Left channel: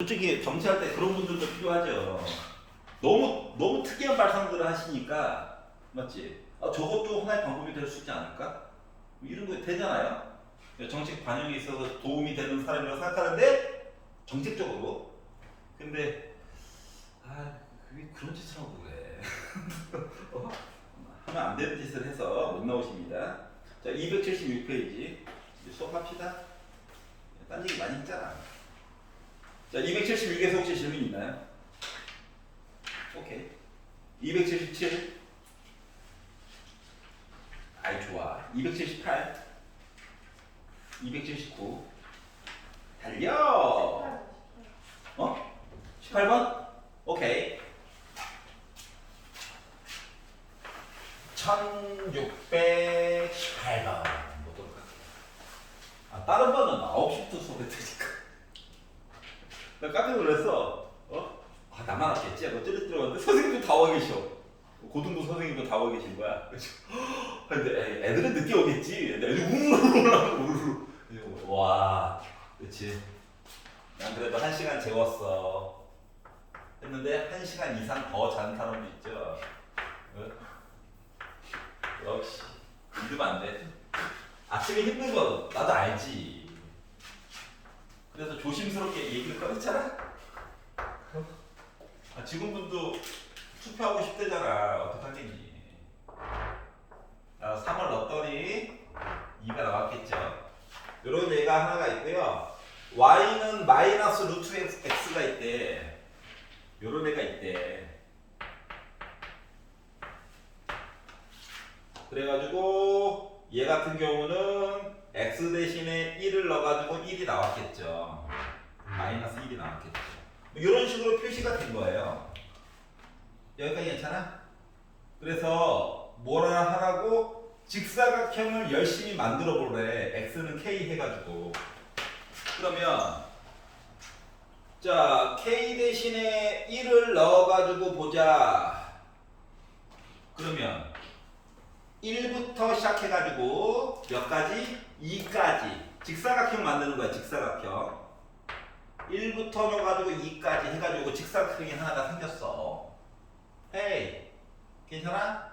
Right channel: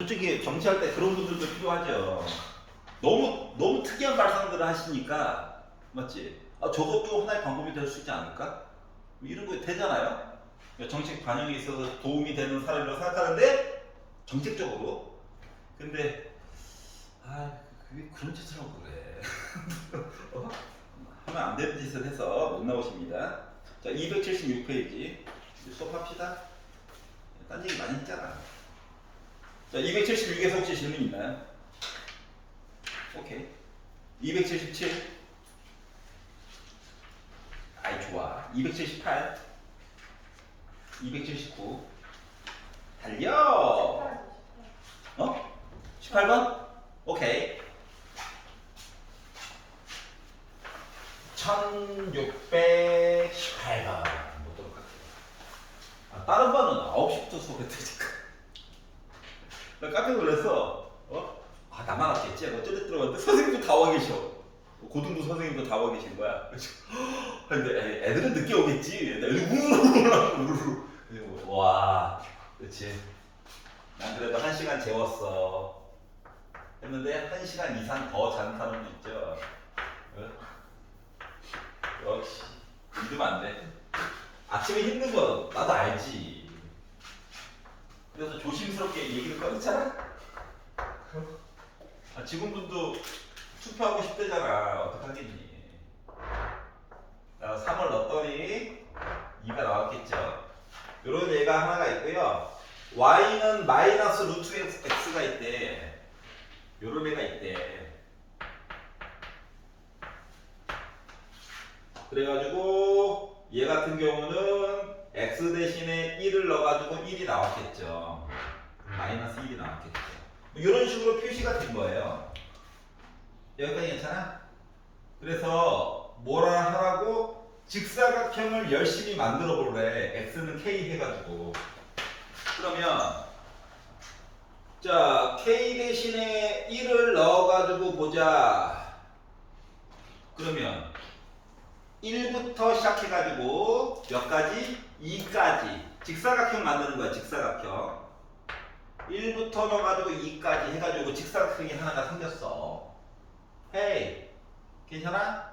솔직히 정치할 때 그런 분들도 필요하죠. 너무 특이한 발상들을 하시니까 맞지? 아, 저것도 하나의 방법이 될 수 있지 않을까? 뭐 이런 거 되잖아요. 정책 반영에 있어서 도움이 되는 사람이라고 생각하는데 정책적으로. 근데 그게 그런 짓을 하고 그래. 어? 하면 안 되는 짓을 해서 못 나오십니다. 자, 276페이지 수업합시다. 딴 얘기 많이 했잖아. 자, 276에서 혹시 질문 있나요? 오케이. 277. 아이 좋아. 278. 279. 달려. 어? 18번? 오케이. 1618번. 아, 다른 번은 9시부터 수업했으니까. 나 깜짝 놀랐어. 나만 왔겠지? 너 뚜렷 선생님도 다 와 계셔. 고등부 선생님도 다 와 계신 거야. 근데 애들은 늦게 오겠지. 애들이 우르르. 와, 그렇지. 난 그래도 1시간 재웠어. 했는데 1시간 이상 더 자는 사람도 있죠. 역시 믿으면 안 돼. 아침에 힘든 거 나도 알지. 그래서 조심스럽게 얘기를 꺼냈잖아. 지금분도 투표하고 싶대잖아. 어떡하겠니? 3을 넣었더니 2가 나왔겠죠. 이런 예가 하나가 있고요. y는 마이너스 루트 x가 있대. 요런 애가 있대. 그래가지고 얘 같은 경우는 x 대신에 1을 넣어가지고 1이 나왔겠죠. 마이너스 1이 나왔겠죠. 이런 식으로 표시가 된 거예요. 여기까지 괜찮아? 그래서 뭐라 하라고 직사각형을 열심히 만들어 보래. x는 k 해가지고. 그러면 자 k 대신에 1을 넣어가지고 보자. 그러면 1부터 시작해가지고 몇 가지? 2까지 직사각형 만드는 거야. 직사각형 1부터 넣어가지고 2까지 해가지고 직사각형이 하나가 생겼어. 헤이 괜찮아?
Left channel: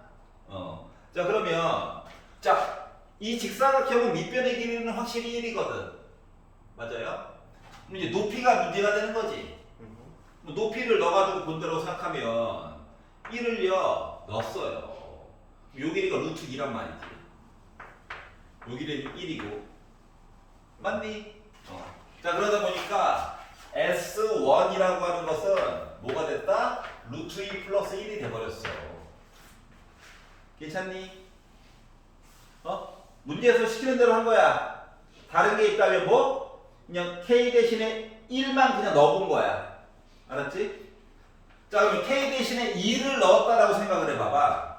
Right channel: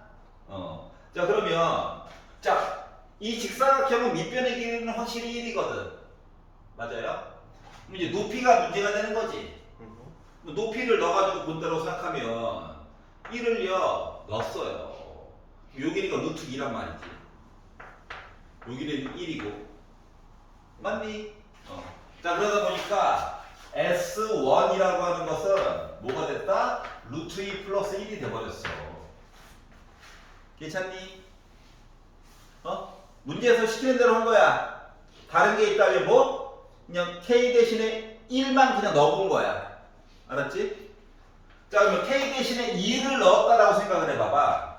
자 그러면 자 이 직사각형은 밑변의 길이는 확실히 1이거든. 맞아요? 그럼 이제 높이가 문제가 되는 거지. 높이를 넣어가지고 본다고 생각하면 1을요 넣었어요. 요 길이가 루트 2란 말이지. 요 길이는 1이고 맞니? 자 그러다 보니까 S1이라고 하는 것은 뭐가 됐다? 루트 2 플러스 1이 돼버렸어. 괜찮니? 문제에서 시키는 대로 한 거야. 다른 게 있다면 뭐? 그냥 K 대신에 1만 그냥 넣어본 거야. 알았지? 자 그러면 K 대신에 2를 넣었다라고 생각을 해봐봐.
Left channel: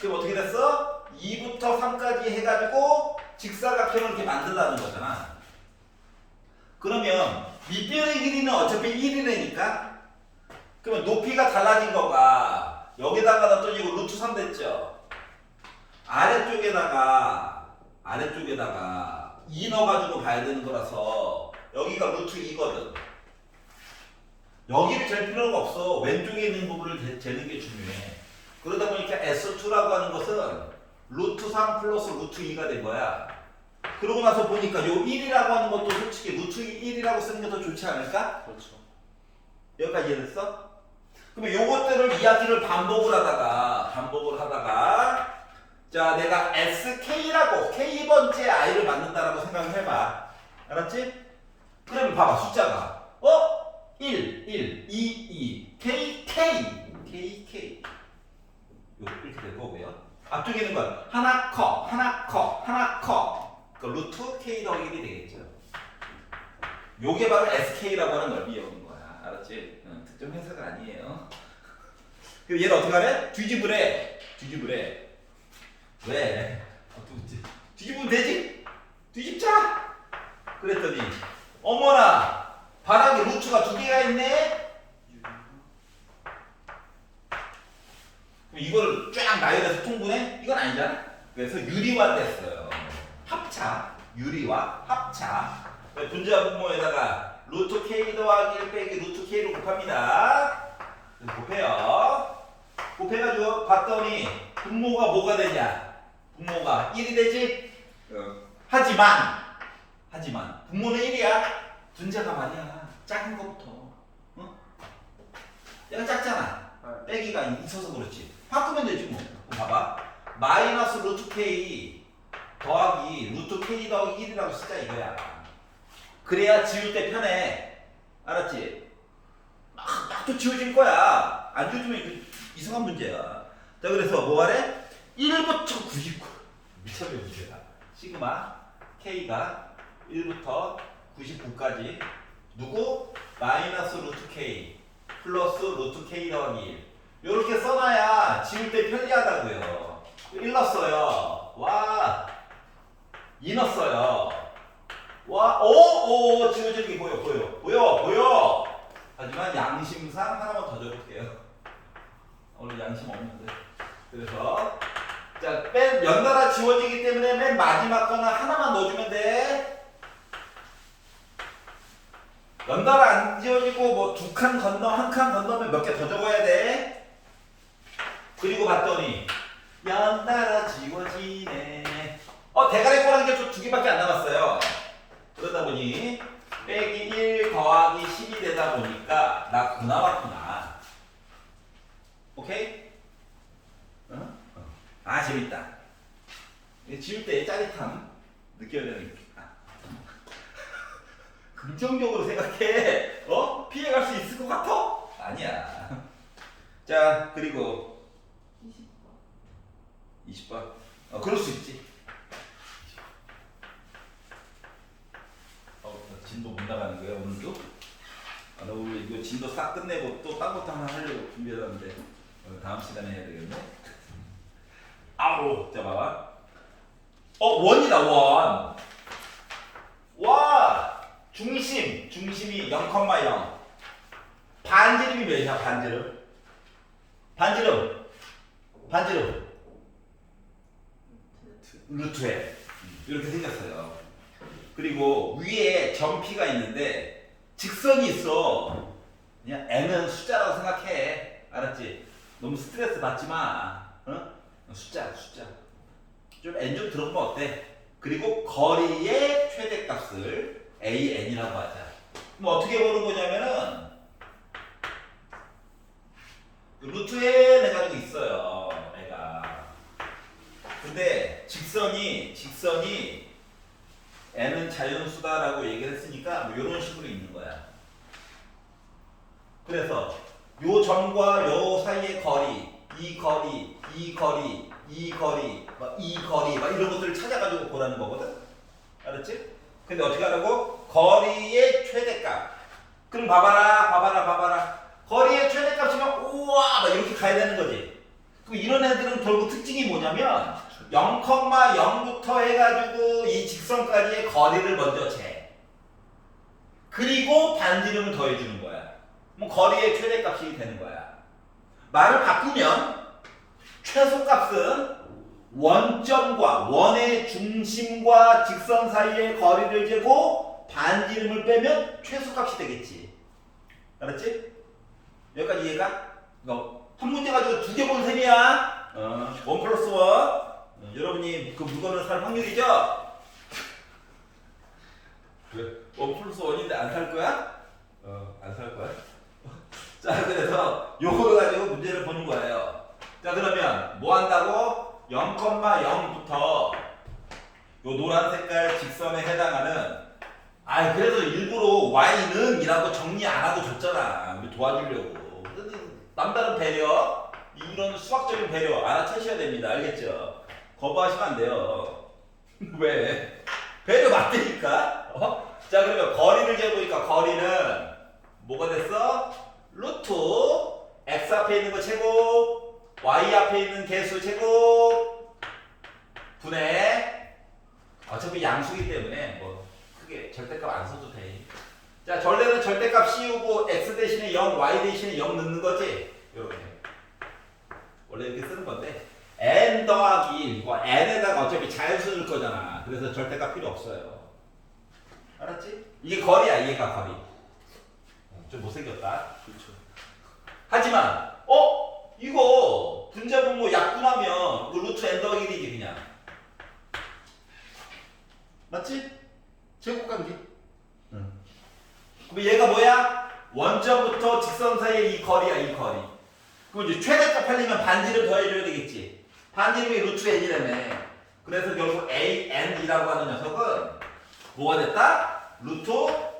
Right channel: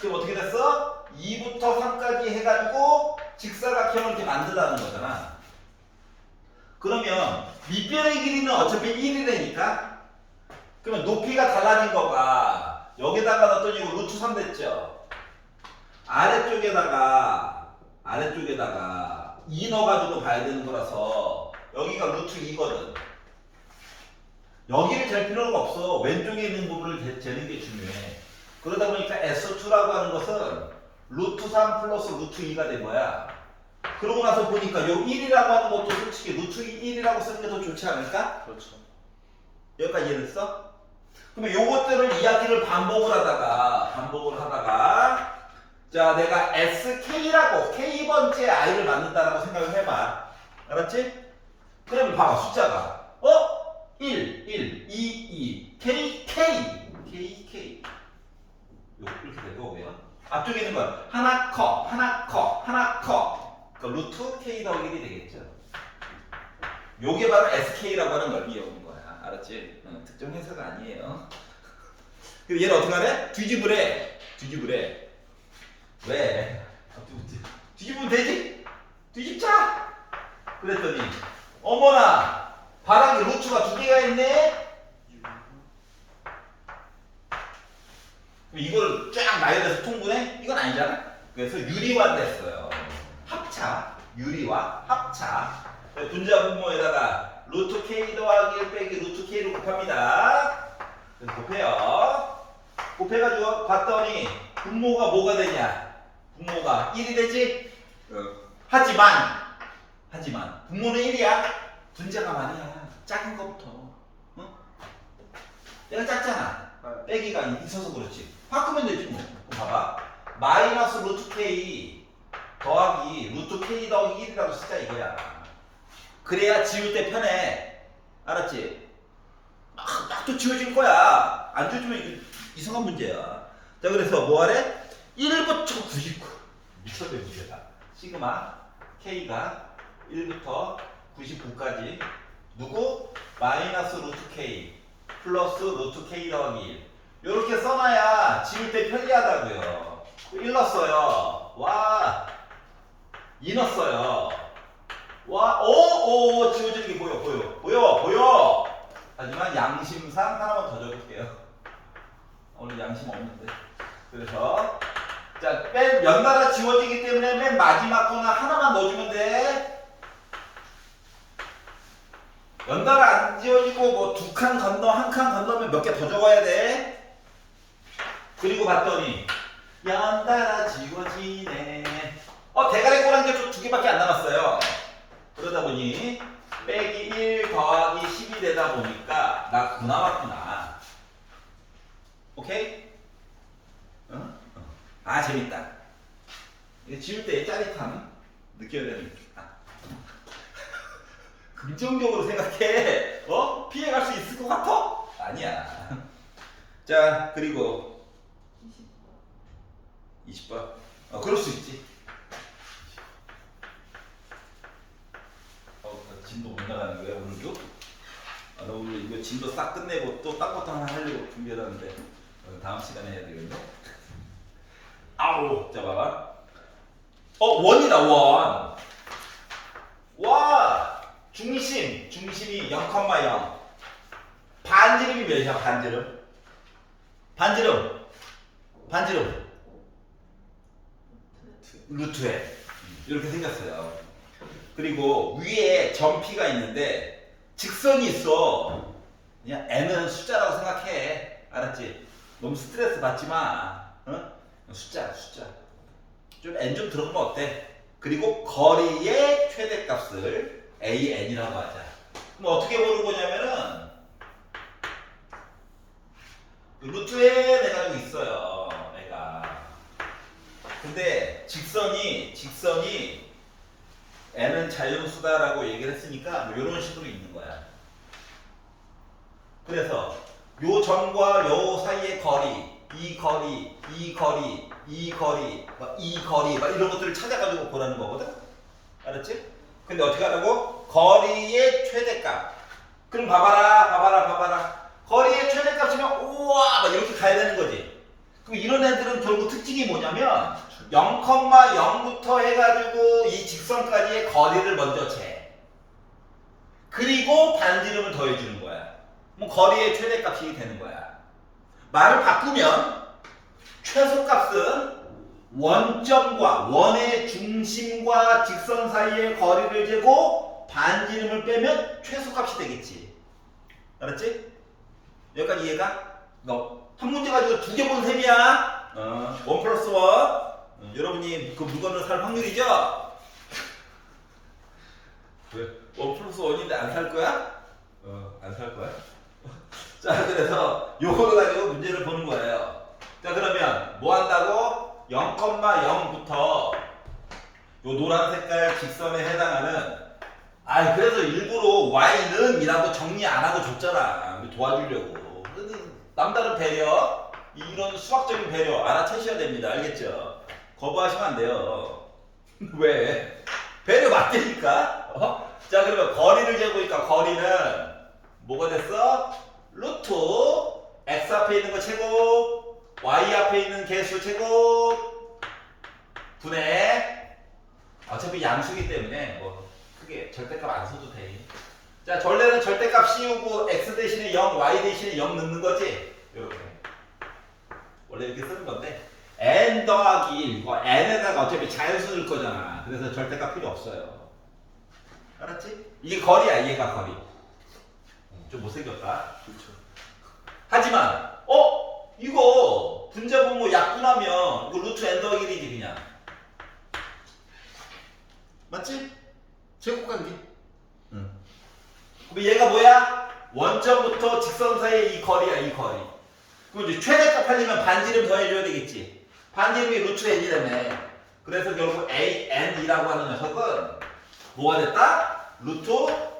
그럼 어떻게 됐어? 2부터 3까지 해가지고 직사각형을 이렇게 만들라는 거잖아. 그러면 밑변의 길이는 어차피 1이라니까? 그러면 높이가 달라진 거가 여기다가 넣었더니 이거 루트 3 됐죠? 아래쪽에다가 2 넣어가지고 봐야 되는 거라서 여기가 루트 2거든. 여기를 잴 필요가 없어. 왼쪽에 있는 부분을 재는 게 중요해. 그러다 보니까 S2라고 하는 것은 루트 3 플러스 루트 2가 된 거야. 그러고 나서 보니까 요 1이라고 하는 것도 솔직히 루트 1이라고 쓰는 게 더 좋지 않을까? 그렇죠. 여기까지 이해됐어? 그러면 요것들을 이야기를 반복을 하다가 자 내가 SK라고 K번째 I를 만든다라고 생각을 해봐. 알았지? 그러면 봐봐 숫자가 1, 1, 2, 2, K, K, K, K 이렇게 될 거고요. 앞쪽에 있는 건 하나 커, 하나 커, 하나 커. 그러니까 루트 K 더하기 1이 되겠죠. 요게 바로 SK라고 하는 걸 이해하는 거야. 알았지? 특정 회사가 아니에요. 그리고 얘를 어떻게 하래? 뒤집으래. 왜? 뒤집으면 되지? 뒤집자! 그랬더니 어머나! 바닥에 루트가 2개가 있네? 그럼 이걸 쫙 나열해서 통분해? 이건 아니잖아? 그래서 유리화 됐어요. 합차. 유리화, 합차. 분자 분모에다가 루트 k 더하기 1 빼기 루트 k로 곱합니다. 그래서 곱해요. 곱해가지고 봤더니 분모가 뭐가 되냐? 분모가 1이 되지? 하지만 분모는 1이야. 분자가 말이야. 작은 것부터. 어? 얘가 작잖아. 빼기가 있어서 그렇지. 바꾸면 되지 뭐. 그럼 봐봐. 마이너스 루트 k 더하기 루트 k 더하기 1이라고 쓰자 이거야. 그래야 지울 때 편해. 알았지? 막 또 지워질 거야. 안 지워지면 이거 이상한 문제야. 자, 그래서 뭐 하래? 1부터 99. 미쳤네 문제다. 시그마 k가 1부터 99까지 누구? 마이너스 루트 k 플러스 루트 k 더하기 1. 요렇게 써놔야 지울 때 편리하다고요. 1 넣었어요. 와. 2 넣었어요. 와. 오 지워지는 게 보여. 하지만 양심상 하나만 더 적을게요. 오늘 양심 없는데. 그래서 자, 연달아 지워지기 때문에 맨 마지막 거나 하나만 넣어주면 돼. 연달아 안 지워지고 뭐 2칸 건너, 1칸 건너면 몇 개 더 적어야 돼. 그리고 봤더니 연달아 지워지네. 대가리 꼬라는 게 좀 2개밖에 안 남았어요. 그러다 보니 빼기 1 더하기 10이 되다 보니까 나 9 남았구나. 오케이? 재밌다. 이거 지울 때 짜릿함 느껴야 되는 게. 긍정적으로 생각해. 피해갈 수 있을 것 같아? 아니야. 자, 그리고 20번. 그럴 수 있지. 진도 못 나가는 거야 오늘도? 나 오늘 이거 진도 싹 끝내고 또 딴 것도 하나 하려고 준비해놨는데 다음 시간에 해야 되겠네. 자, 봐봐. 원이다 원. 와. 중심이 0,0. 반지름이 몇이야? 반지름 루트에 이렇게 생겼어요. 그리고 위에 점피가 있는데 직선이 있어. 그냥 n은 숫자라고 생각해. 알았지? 너무 스트레스 받지 마. 숫자. 좀 n 좀 들어보면 어때? 그리고 거리의 최대값을 an이라고 하자. 그럼 어떻게 보는 거냐면은 루트에 내가 좀 있어요. 애가. 근데 직선이 n은 자연수다라고 얘기를 했으니까 뭐 이런 식으로 있는 거야. 그래서 요 점과 요 사이의 거리, 이 거리 막 이런 것들을 찾아가지고 보라는 거거든. 알았지? 근데 어떻게 하라고? 거리의 최대값. 그럼 봐봐라. 거리의 최대값이면 우와 막 이렇게 가야 되는 거지. 그럼 이런 애들은 결국 특징이 뭐냐면 0,0부터 해가지고 이 직선까지의 거리를 먼저 재. 그리고 반지름을 더해주는 거야. 그럼 거리의 최대값이 되는 거야. 말을 바꾸면 최소값은 원점과 원의 중심과 직선 사이의 거리를 재고 반지름을 빼면 최소값이 되겠지. 알았지? 여기까지 이해가? 한 문제 가지고 2개 본 셈이야. 1 플러스 1. 여러분이 그 물건을 살 확률이죠? 왜? 1 플러스 1인데 안 살 거야? 안 살 거야? 자, 그래서 요거를 가지고 문제를 보는 거예요. 자, 그러면 뭐 한다고? 0,0부터 요 노란 색깔 직선에 해당하는 그래서 일부러 y는 이라고 정리 안 하고 줬잖아. 도와주려고. 남다른 배려, 이런 수학적인 배려 알아채셔야 됩니다. 알겠죠? 거부하시면 안 돼요. 왜? 배려 맞다니까? 자, 그러면 거리를 재보니까 거리는 뭐가 됐어? 루트 x 앞에 있는 거 제곱, y 앞에 있는 개수 제곱 분의 어차피 양수기 때문에 뭐 크게 절대값 안 써도 돼. 자, 원래는 절대값 씌우고 x 대신에 0, y 대신에 0 넣는 거지. 이렇게 원래 이렇게 쓰는 건데 n 더하기 1 이거 n에다가 어차피 자연수 넣을 거잖아. 그래서 절대값 필요 없어요. 알았지? 이게 거리야. 얘가 거리. 좀 못생겼다. 그렇죠. 하지만 이거 분자분모 약분하면 그 루트 n 더하기 1이지 그냥. 맞지? 제곱관계. 응. 그럼 얘가 뭐야? 원점부터 직선 사이의 이 거리야, 이 거리. 그럼 이제 최대값 하려면 반지름 더해줘야 되겠지. 반지름이 루트 n이라며. 그래서 결국 an이라고 하는 녀석은 뭐가 됐다? 루트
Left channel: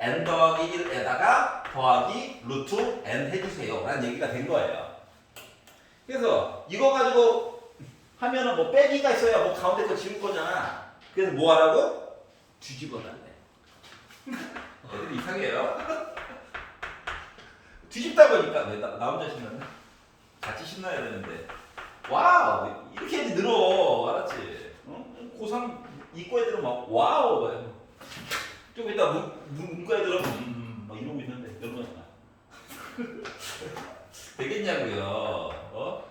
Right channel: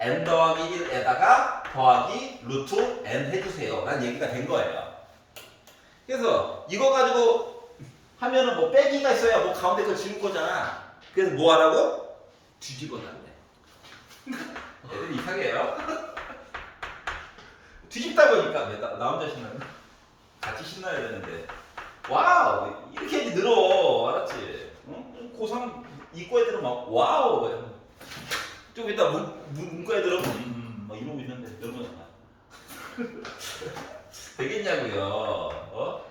n 더하기 1에다가 더하기 루트 n 해주세요 라는 얘기가 된 거예요. 그래서 이거 가지고 하면은 뭐 빼기가 있어야 뭐 가운데 거 지울 거잖아. 그래서 뭐 하라고? 뒤집어 놨네. 애들이 이상해요. 뒤집다 보니까 왜 나 혼자 신나네? 같이 신나야 되는데. 와우 이렇게 해야지 늘어. 알았지? 응? 고3 이과 애들은 막 와우 좀 이따 문과 애들은 막 이러고 있는데 여러분 되겠냐고요.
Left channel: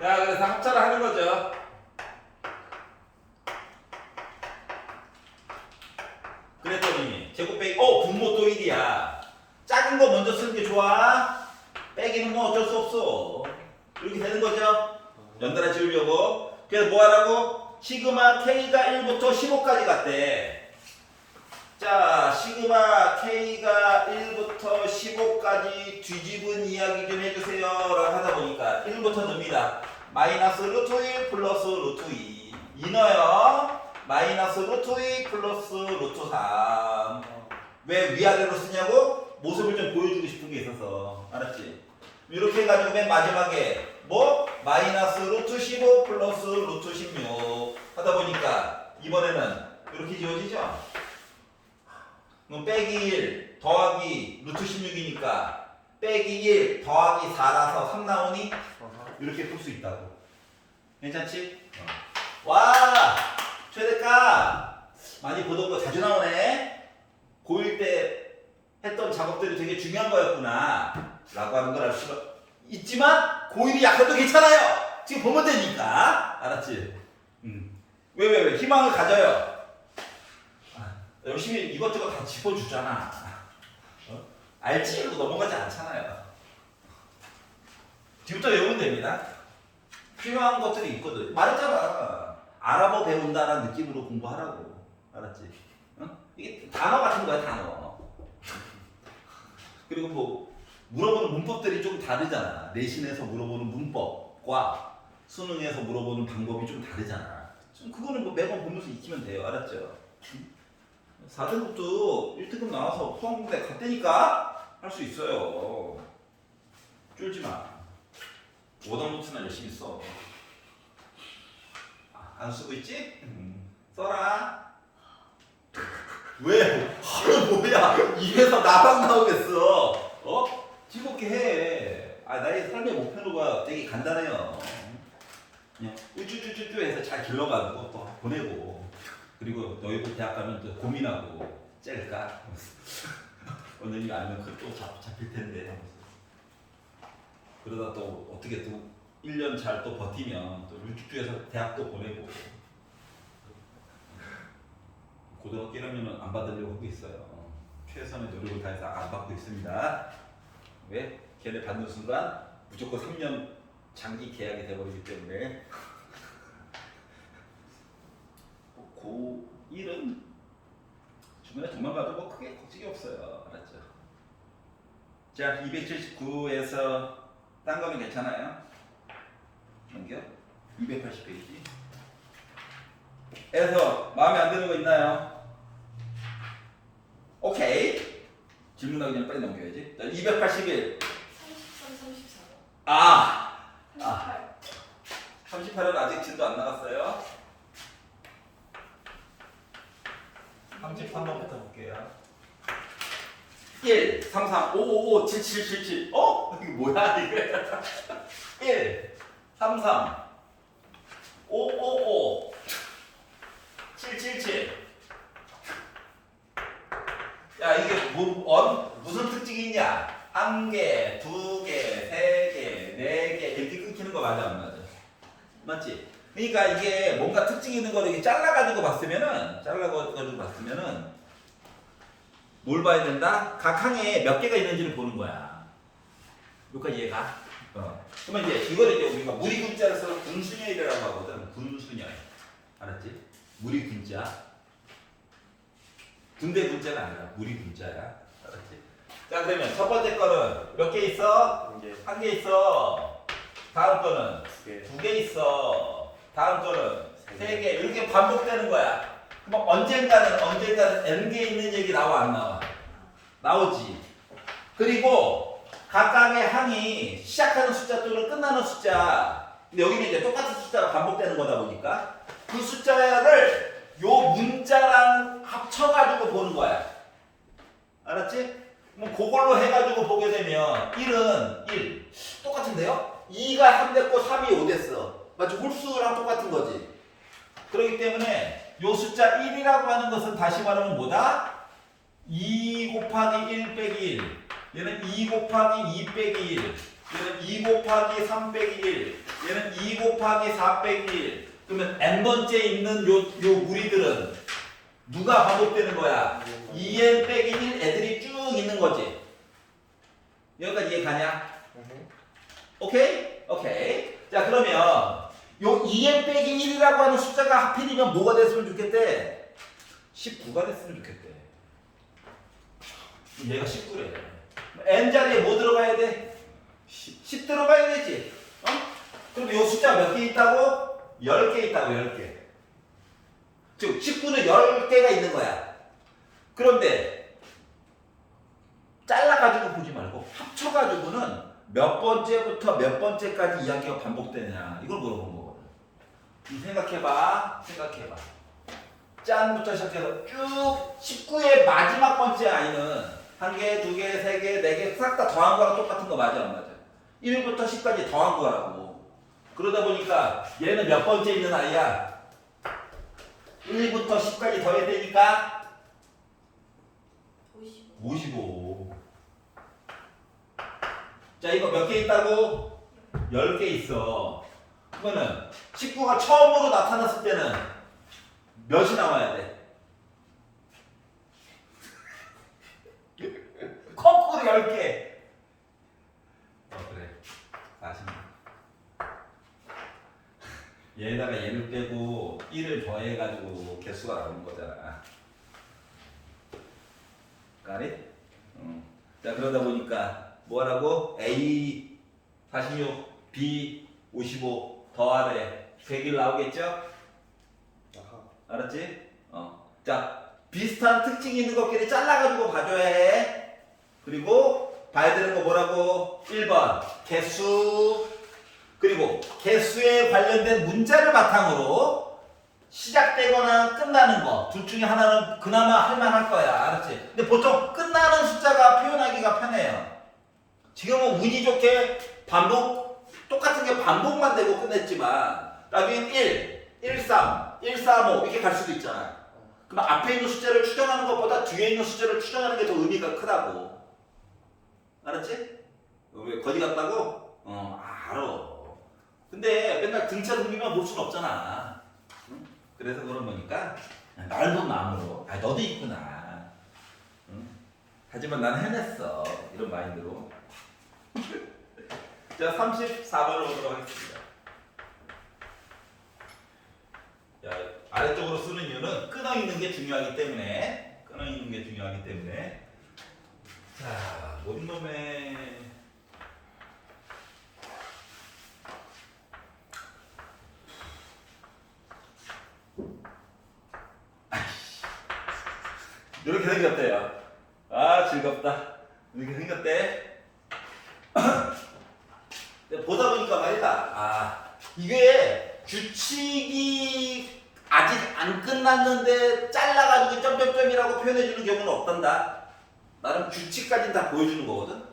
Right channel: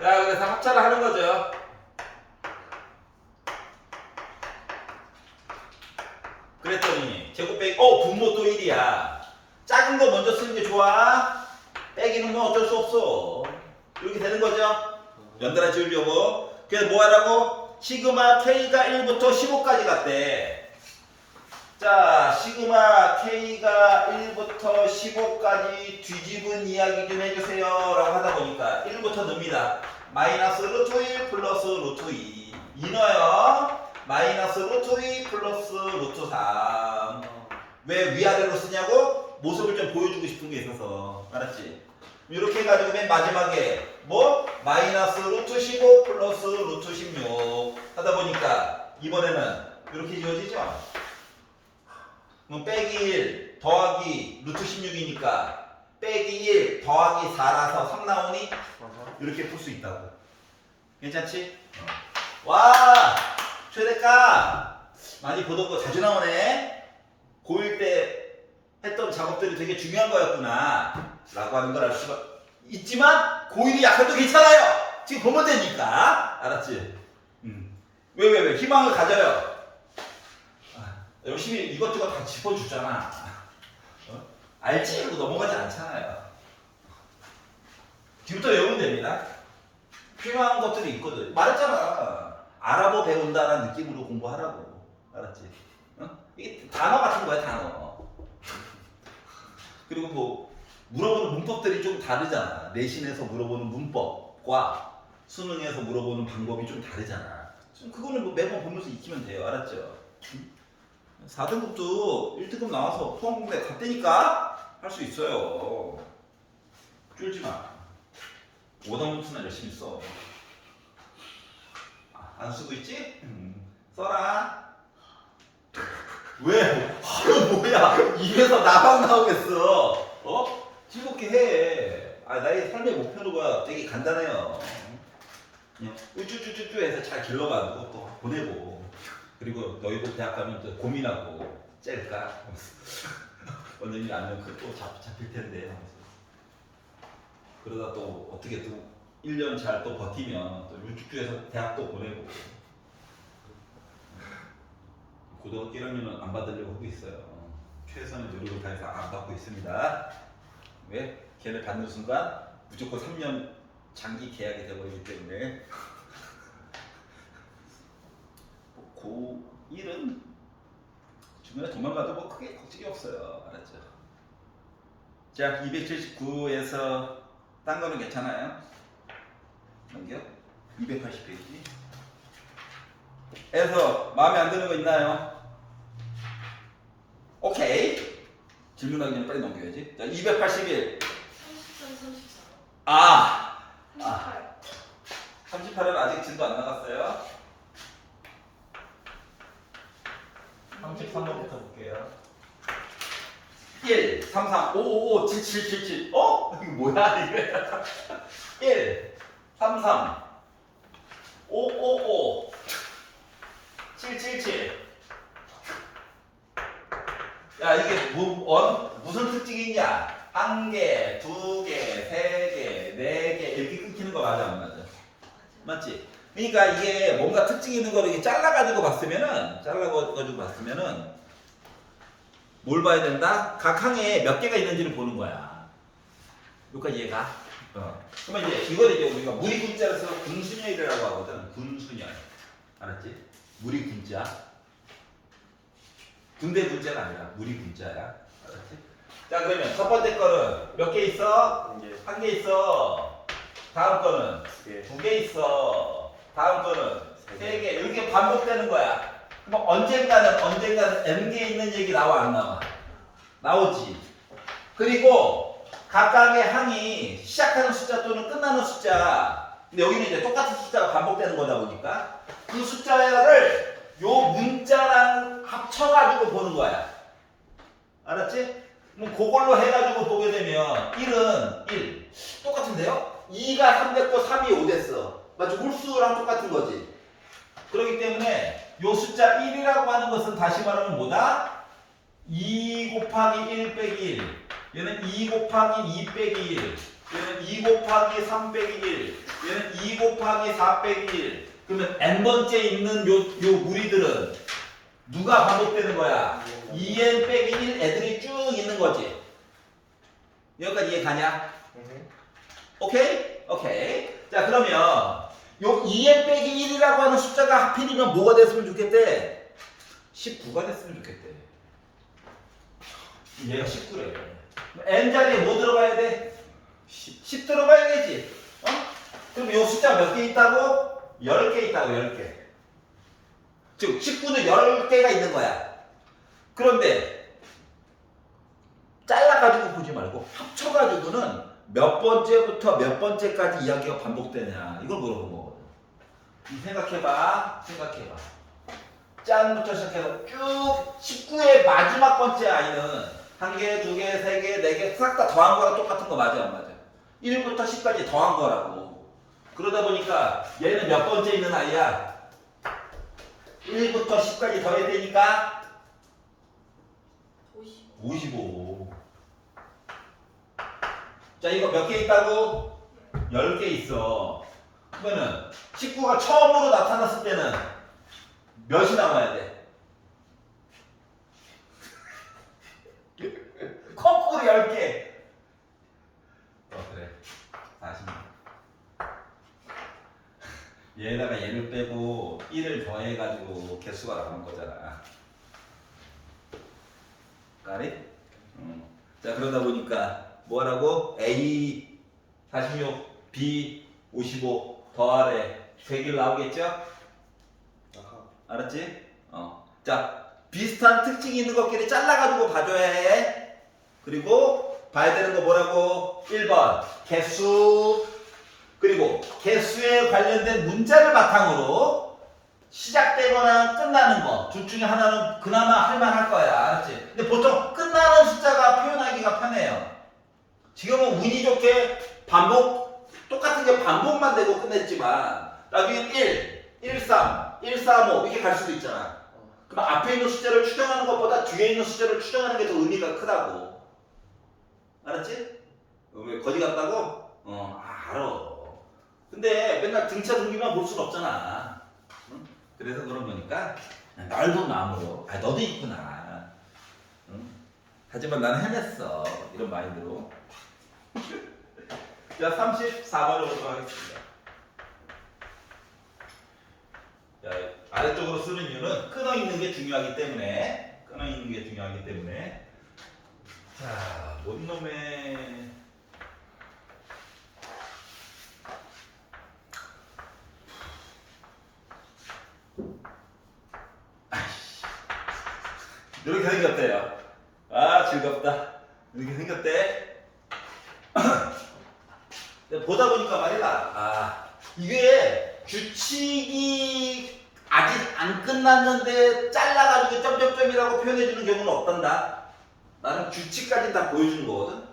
자 그래서 합차를 하는 거죠. 그랬더니 제곱 빼기 분모 또 1이야. 작은 거 먼저 쓰는 게 좋아. 빼기는 뭐 어쩔 수 없어. 이렇게 되는 거죠. 연달아 지우려고. 그래서 뭐 하라고? 시그마 K가 1부터 15까지 갔대. 자, 시그마 K가 1부터 15까지 뒤집은 이야기 좀 해주세요 라고 하다 보니까 1부터 넣습니다. 마이너스 루트 1 플러스 루트 2 넣어요. 마이너스 루트 2 플러스 루트 3. 왜 위아래로 쓰냐고? 모습을 좀 보여주고 싶은 게 있어서. 알았지? 이렇게 해가지고 맨 마지막에 뭐? 마이너스 루트 15 플러스 루트 16 하다 보니까 이번에는 이렇게 지워지죠? 그럼 빼기 1 더하기 루트 16이니까 빼기 1 더하기 4라서 3 나오니? 이렇게 풀 수 있다고. 괜찮지? 와! 최대값! 많이 보던 거 자주 나오네? 고1 때 했던 작업들이 되게 중요한 거였구나 라고 하는 걸 알 수가 있지만 고1이 약해도 괜찮아요. 지금 보면 되니까. 알았지? 왜? 희망을 가져요. 열심히 이것저것 다 짚어주잖아. 알지? 이거 넘어가지 않잖아요. 지금부터 외우면 됩니다. 필요한 것들이 있거든. 말했잖아. 알아보 배운다라는 느낌으로 공부하라고. 알았지? 이게 단어 같은 거야, 단어. 그리고 뭐 물어보는 문법들이 좀 다르잖아. 내신에서 물어보는 문법과 수능에서 물어보는 방법이 좀 다르잖아. 그거는 뭐 매번 보면서 익히면 돼요. 알았죠? 4등급도 1등급 나와서 포항공대 갔다니까 할 수 있어요. 쫄지 마. 5등급수는 열심히 써. 안 쓰고 있지? 써라. 왜? 뭐야? 입에서 나만 나오겠어. 즐겁게 해. 나의 삶의 목표가 되게 간단해요. 그냥 우쭈쭈쭈쭈 해서 잘 길러가지고 또 보내고. 그리고 너희들 대학 가면 또 고민하고 짤까? 원장님 아니면 그또 잡힐 텐데. 그러다 또 어떻게 또 1년 잘 또 버티면 또 우쭈쭈해서 대학 또 보내고. 고등학교 1학년은 안 받으려고 하고 있어요. 최선의 노력을 다해서 안 받고 있습니다. 왜? 걔네 받는 순간 무조건 3년 장기 계약이 돼버리기 때문에 고1은 주변에 돈만 가도 뭐 크게 걱정이 없어요. 알았죠? 자, 279에서 딴 거는 괜찮아요? 넘겨? 280페이지 에서 마음에 안 드는 거 있나요? 오케이. 질문하기 전에 빨리 넘겨야지. 자, 281. 38은 아직 질도 안 나갔어요. 33번부터 볼게요. 1, 3, 3, 5, 5, 5, 7, 7, 7, 7. 이게 뭐야, 이게? 1, 3, 3, 5, 5, 5, 7, 7, 7. 야, 이게 무슨 특징이 있냐? 1개, 2개, 3개, 4개 이렇게 끊기는 거 맞아, 안 맞아? 맞지? 그러니까 이게 뭔가 특징 있는 거를 잘라가지고 봤으면은 뭘 봐야 된다? 각 항에 몇 개가 있는지를 보는 거야. 여기까지 이해가? 그러면 이제 이걸 이제 우리가 무리군자를 써서 군순열이라고 하거든. 군순열. 알았지? 무리군자. 군대 군자가 아니라 무리군자야. 알았지? 자, 그러면 첫 번째 거는 몇 개 있어? 한 개 있어. 다음 거는 두 개 있어. 다음 거는 세 개. 이렇게 반복되는 거야. 그럼 언젠가는 n 개 있는 얘기 나와 안 나와? 나오지. 그리고 각각의 항이 시작하는 숫자 또는 끝나는 숫자. 근데 여기는 이제 똑같은 숫자가 반복되는 거다 보니까 그 숫자를 요 문자랑 합쳐가지고 보는 거야. 알았지? 뭐 그걸로 해가지고 보게 되면 1은 1. 똑같은데요? 2가 3 됐고 3이 5 됐어. 맞죠? 홀수랑 똑같은 거지. 그렇기 때문에 요 숫자 1이라고 하는 것은 다시 말하면 뭐다? 2 곱하기 1 빼기 1. 얘는 2 곱하기 2 빼기 1. 얘는 2 곱하기 3 빼기 1. 얘는 2 곱하기 4 빼기 1. 그러면 n번째 있는 요 무리들은 누가 반복되는 거야? 2n 빼기 1 애들이 쭉 있는 거지. 여기까지 이해 가냐? 오케이? 오케이. 자, 그러면 요 2n 빼기 1이라고 하는 숫자가 하필이면 뭐가 됐으면 좋겠대? 19가 됐으면 좋겠대. 얘가 19래. n 자리에 뭐 들어가야 돼? 10 들어가야 되지. 그럼 요 숫자 몇 개 있다고? 10개 있다고, 10개. 즉 19는 10개가 있는 거야. 그런데 잘라가지고 보지 말고 합쳐가지고는 몇 번째부터 몇 번째까지 이야기가 반복되냐 이걸 물어본 거거든. 생각해봐. 짠부터 시작해서 쭉 19의 마지막 번째 아이는 한 개, 두 개, 세 개, 네 개 싹 다 더한 거랑 똑같은 거 맞아 안 맞아? 1부터 10까지 더한 거라고. 그러다 보니까 얘는 몇 번째 있는 아이야? 1부터 10까지 더해야 되니까 55. 자, 이거 몇 개 있다고? 10개 있어. 그러면은 19가 처음으로 나타났을 때는 몇이 나와야 돼? 거꾸로 10개. 그래. 40. 얘에다가 얘를 빼고 1을 더해가지고 개수가 나오는 거잖아. 까리? 자, 그러다 보니까 뭐라고? A 46, B 55 더하래 100일 나오겠죠? 알았지? 자, 비슷한 특징이 있는 것끼리 잘라가지고 봐줘야 해. 그리고 봐야 되는 거 뭐라고? 1번 개수. 그리고 개수에 관련된 문자를 바탕으로 시작되거나 끝나는 거 둘 중에 하나는 그나마 할만할 거야. 알았지? 근데 보통 끝나는 숫자가 표현하기가 편해요. 지금은 운이 좋게 반복, 똑같은 게 반복만 되고 끝냈지만 나중엔 1, 1, 3, 1, 3, 5 이렇게 갈 수도 있잖아. 그럼 앞에 있는 숫자를 추정하는 것보다 뒤에 있는 숫자를 추정하는 게 더 의미가 크다고. 알았지? 왜 거지 같다고? 알아. 근데 맨날 등차 등비만 볼 순 없잖아. 응? 그래서 그런 거니까 넓은 마음으로 너도 있구나. 응? 하지만 나는 해냈어. 이런 마인드로. 자, 34번을 보도록 하겠습니다. 자, 아래쪽으로 쓰는 이유는 끊어있는 게 중요하기 때문에 자, 뭔 놈의 이렇게 생겼대요. 즐겁다. 이렇게 생겼대. 보다 보니까 말이다. 이게 규칙이 아직 안 끝났는데 잘라가지고 점점점이라고 표현해주는 경우는 없단다. 나는 규칙까지는 다 보여주는 거거든.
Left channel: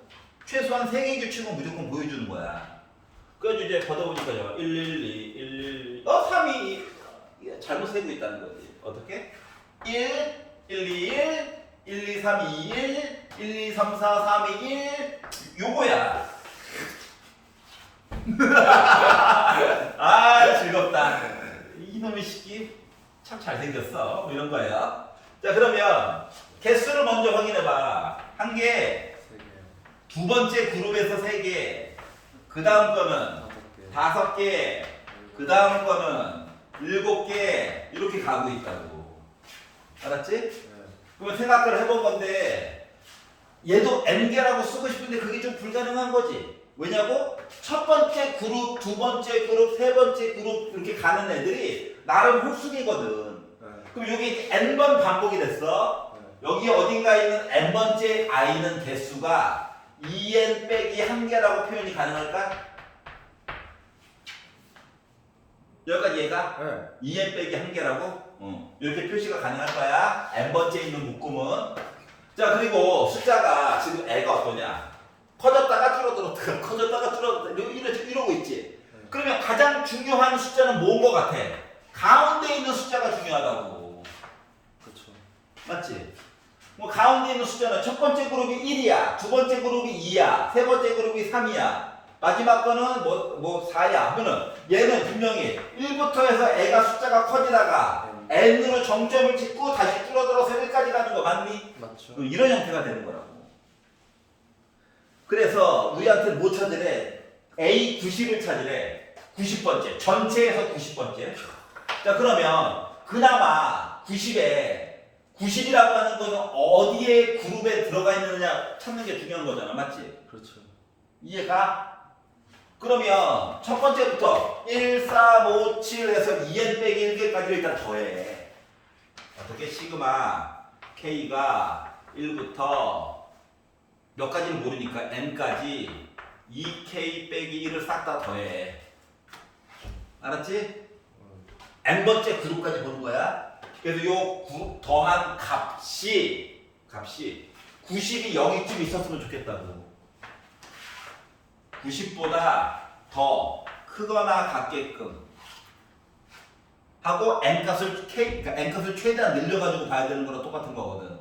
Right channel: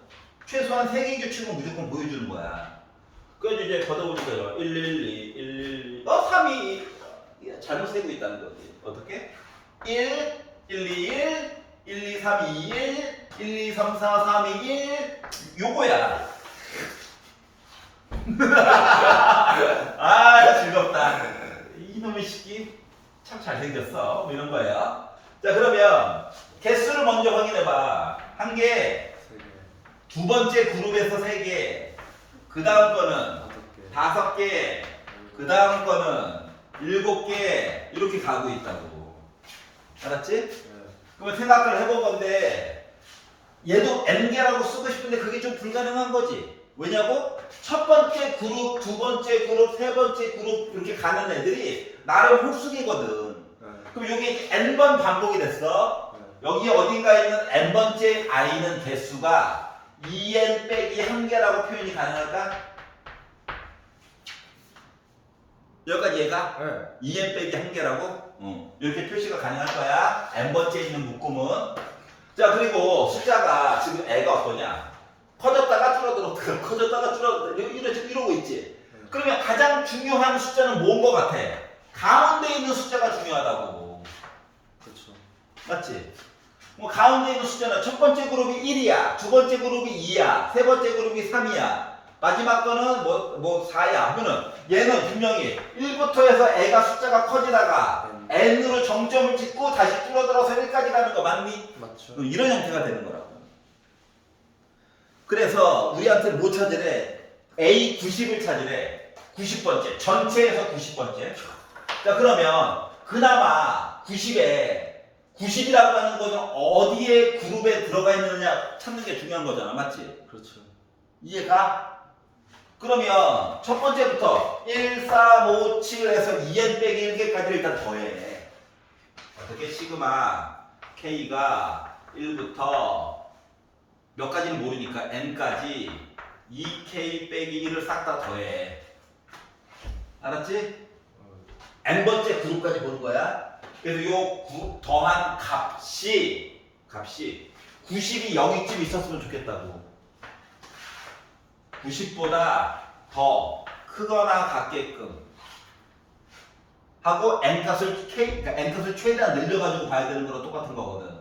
최소한 3개 규칙은 무조건 보여주는 거야. 그래서 이제 보다 보니까 112, 3이 잘못 세고 있다는 거지. 어떻게? 1, 1, 2, 1, 1, 2, 3, 2, 1, 1, 2, 3, 4, 3, 2, 1 요거야. 즐겁다. 이놈의 새끼 참 잘생겼어. 뭐 이런 거예요. 자, 그러면 개수를 먼저 확인해봐. 한 개, 3개, 두 번째 그룹에서 3개, 그 다음 거는 5개, 5개, 그 다음 거는 7개, 이렇게 가고 있다고. 알았지? 네. 그러면 생각을 해본 건데, 얘도 n개라고 쓰고 싶은데 그게 좀 불가능한 거지. 왜냐고? 첫 번째 그룹, 두 번째 그룹, 세 번째 그룹 이렇게 가는 애들이 나름 홀수개거든. 네. 그럼 여기 n번 반복이 됐어. 네. 여기 어딘가에 있는 n번째 i는 개수가 2n 빼기 1개라고 표현이 가능할까? 여기까지 얘가 네. 2n 빼기 1개라고? 이렇게 표시가 가능할 거야. n번째 있는 묶음은. 자, 그리고 숫자가 지금 애가 어떠냐? 커졌다가 줄어들었다가 커졌다가 줄어들었다가 이러고 있지. 네. 그러면 가장 중요한 숫자는 뭔 거 같아? 가운데 있는 숫자가 중요하다고. 그렇죠. 맞지? 뭐 가운데 있는 숫자는 첫 번째 그룹이 1이야, 두 번째 그룹이 2야, 세 번째 그룹이 3이야, 마지막 거는 뭐 4야. 그러면 얘는 분명히 1부터 해서 애가 숫자가 커지다가 n으로 정점을 찍고 다시 줄어들어서 1까지 가는 거 맞니? 맞죠. 이런 형태가 되는 거라고. 그래서 우리한테 뭐 찾으래? A 90을 찾으래. 90번째. 전체에서 90번째. 자, 그러면 그나마 90에 90이라고 하는 거는 어디에 그룹에 들어가 있느냐 찾는 게 중요한 거잖아. 맞지? 그렇죠. 이해가? 그러면 첫 번째부터 1, 4, 5, 7에서 2n 빼기 1개까지 일단 더해. 어떻게? 시그마 k가 1부터 몇 가지는 모르니까 n까지 2k 빼기 1을 싹 다 더해. 알았지? n번째 그룹까지 보는 거야. 그래서 요 더한 값이 90이 0이쯤 있었으면 좋겠다고. 90보다 더 크거나 같게끔 하고 n값을 그러니까 n값을 최대한 늘려가지고 봐야 되는 거랑 똑같은 거거든.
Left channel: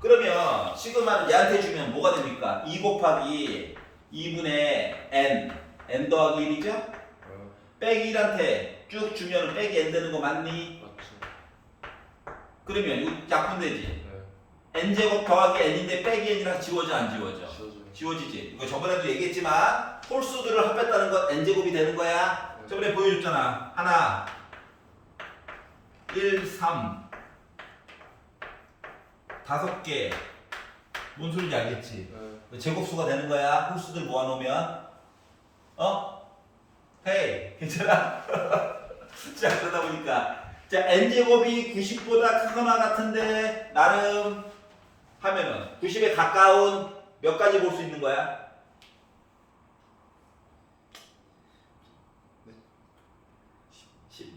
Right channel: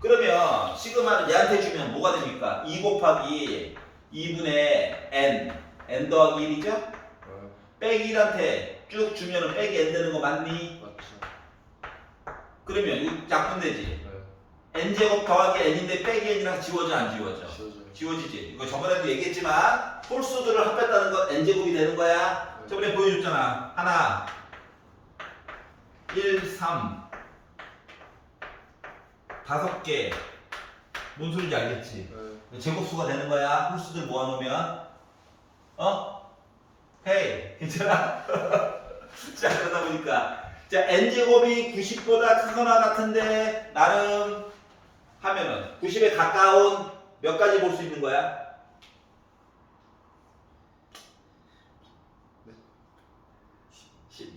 그러면 시그마를 얘한테 주면 뭐가 됩니까? 2 곱하기 2분의 n 더하기 1이죠? 빼기 1한테 쭉 주면 빼기 n 되는 거 맞니? 맞죠. 그러면 이거 약분되지? 네. n제곱 더하기 n인데 빼기 n이랑 지워져 안 지워져? 지워져요. 지워지지. 이거 저번에도 얘기했지만 홀수들을 합했다는 건 n제곱이 되는 거야. 네. 저번에 보여줬잖아. 하나 1, 3 5개. 뭔 소리인지 알겠지? 네. 제곱수가 되는 거야. 홀수들 모아놓으면. 헤이, 괜찮아? 자, 그러다 보니까 자, n제곱이 90보다 크거나 같은데 나름 하면은 90에 가까운 몇 가지 볼 수 있는 거야? 네. 10.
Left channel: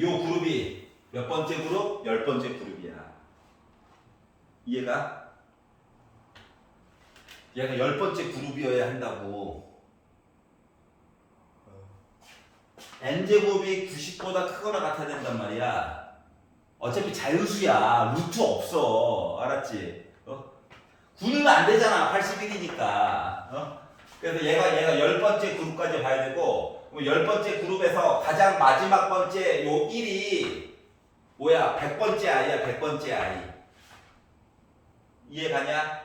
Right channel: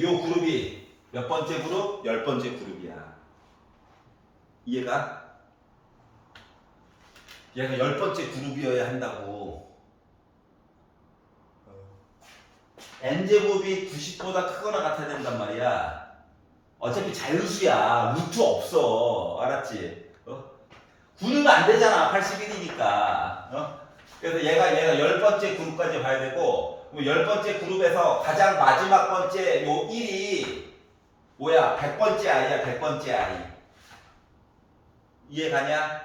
요 그룹이 몇 번째 그룹? 10번째 그룹이야. 이해가? 얘가 10번째 그룹이어야 한다고. n제곱이 90보다 크거나 같아야 된단 말이야. 어차피 자유수야. 루트 없어. 알았지? 구리면 안 되잖아. 81이니까. 그래서 얘가 10번째 그룹까지 봐야 되고, 그럼 10번째 그룹에서 가장 마지막 번째 요 1이 뭐야? 100번째 i야. 100번째 i. 이해가냐?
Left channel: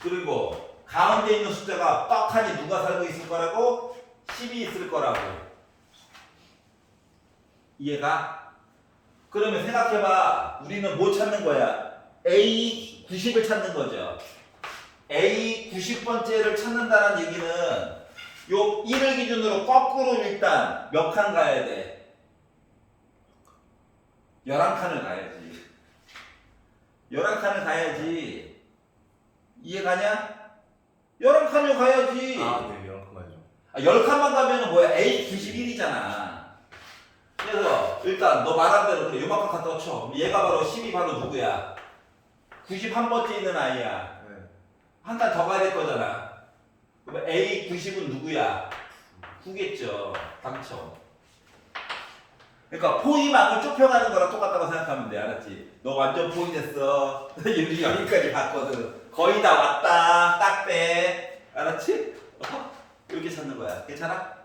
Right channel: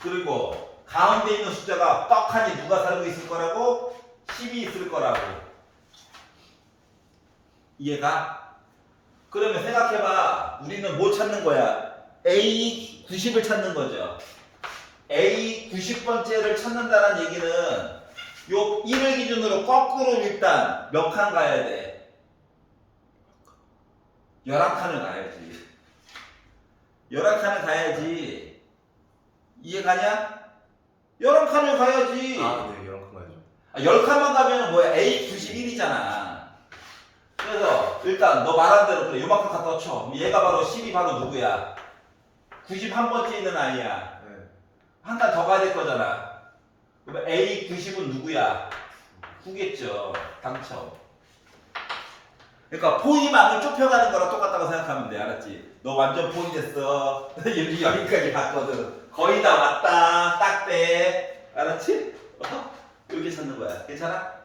그리고 가운데 있는 숫자가 떡하니 누가 살고 있을 거라고? 10이 있을 거라고. 이해가? 그러면 생각해봐. 우리는 뭐 찾는 거야? A 90을 찾는 거죠. A 90번째를 찾는다는 얘기는 요 1을 기준으로 거꾸로 일단 몇 칸 가야 돼? 11칸을 가야지. 11칸을 가야지. 이해가냐? 11칸을 가야지. 아, 네. 이런 큰 거죠. 10칸만 가면 뭐야? A 91이잖아. 그래서 일단 너 말한 대로 그래. 요만큼 갖다 쳐. 얘가 바로 10이 바로 누구야? 91번째 있는 아이야. 네. 한 칸 더 가야 될 거잖아. 그러면 A 90은 누구야? 9겠죠. 당첨. 그러니까 포위망을 좁혀가는 거랑 똑같다고 생각하면 돼. 알았지? 너 완전 포위됐어. 여기까지 봤거든. 거의 다 왔다. 딱 빼. 알았지? 이렇게 찾는 거야. 괜찮아?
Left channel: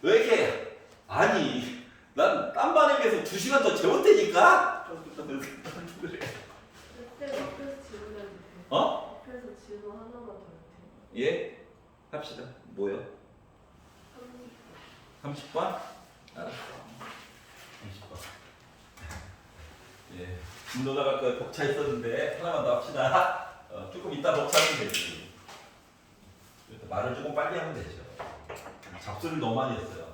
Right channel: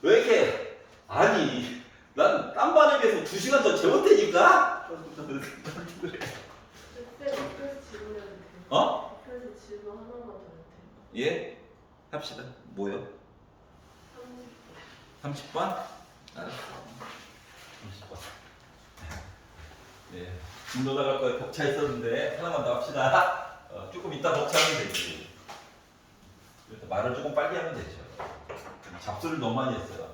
왜 이렇게 아니, 난 딴 반에 비해서 2시간 더 재웠다니까? 그때 옆에서 질문해도 돼요? 어? 옆에서 질문 하나만 더 해도 돼요? 예? 합시다. 뭐요? 30번? 알았어. 30번. 예. 분노 나갈 거에 벅차 있었는데 하나만 더 합시다. 조금 이따 벅차면 되지. 그래서 말을 조금 빨리 하면 되죠. 잡소를 너무 많이 했어요.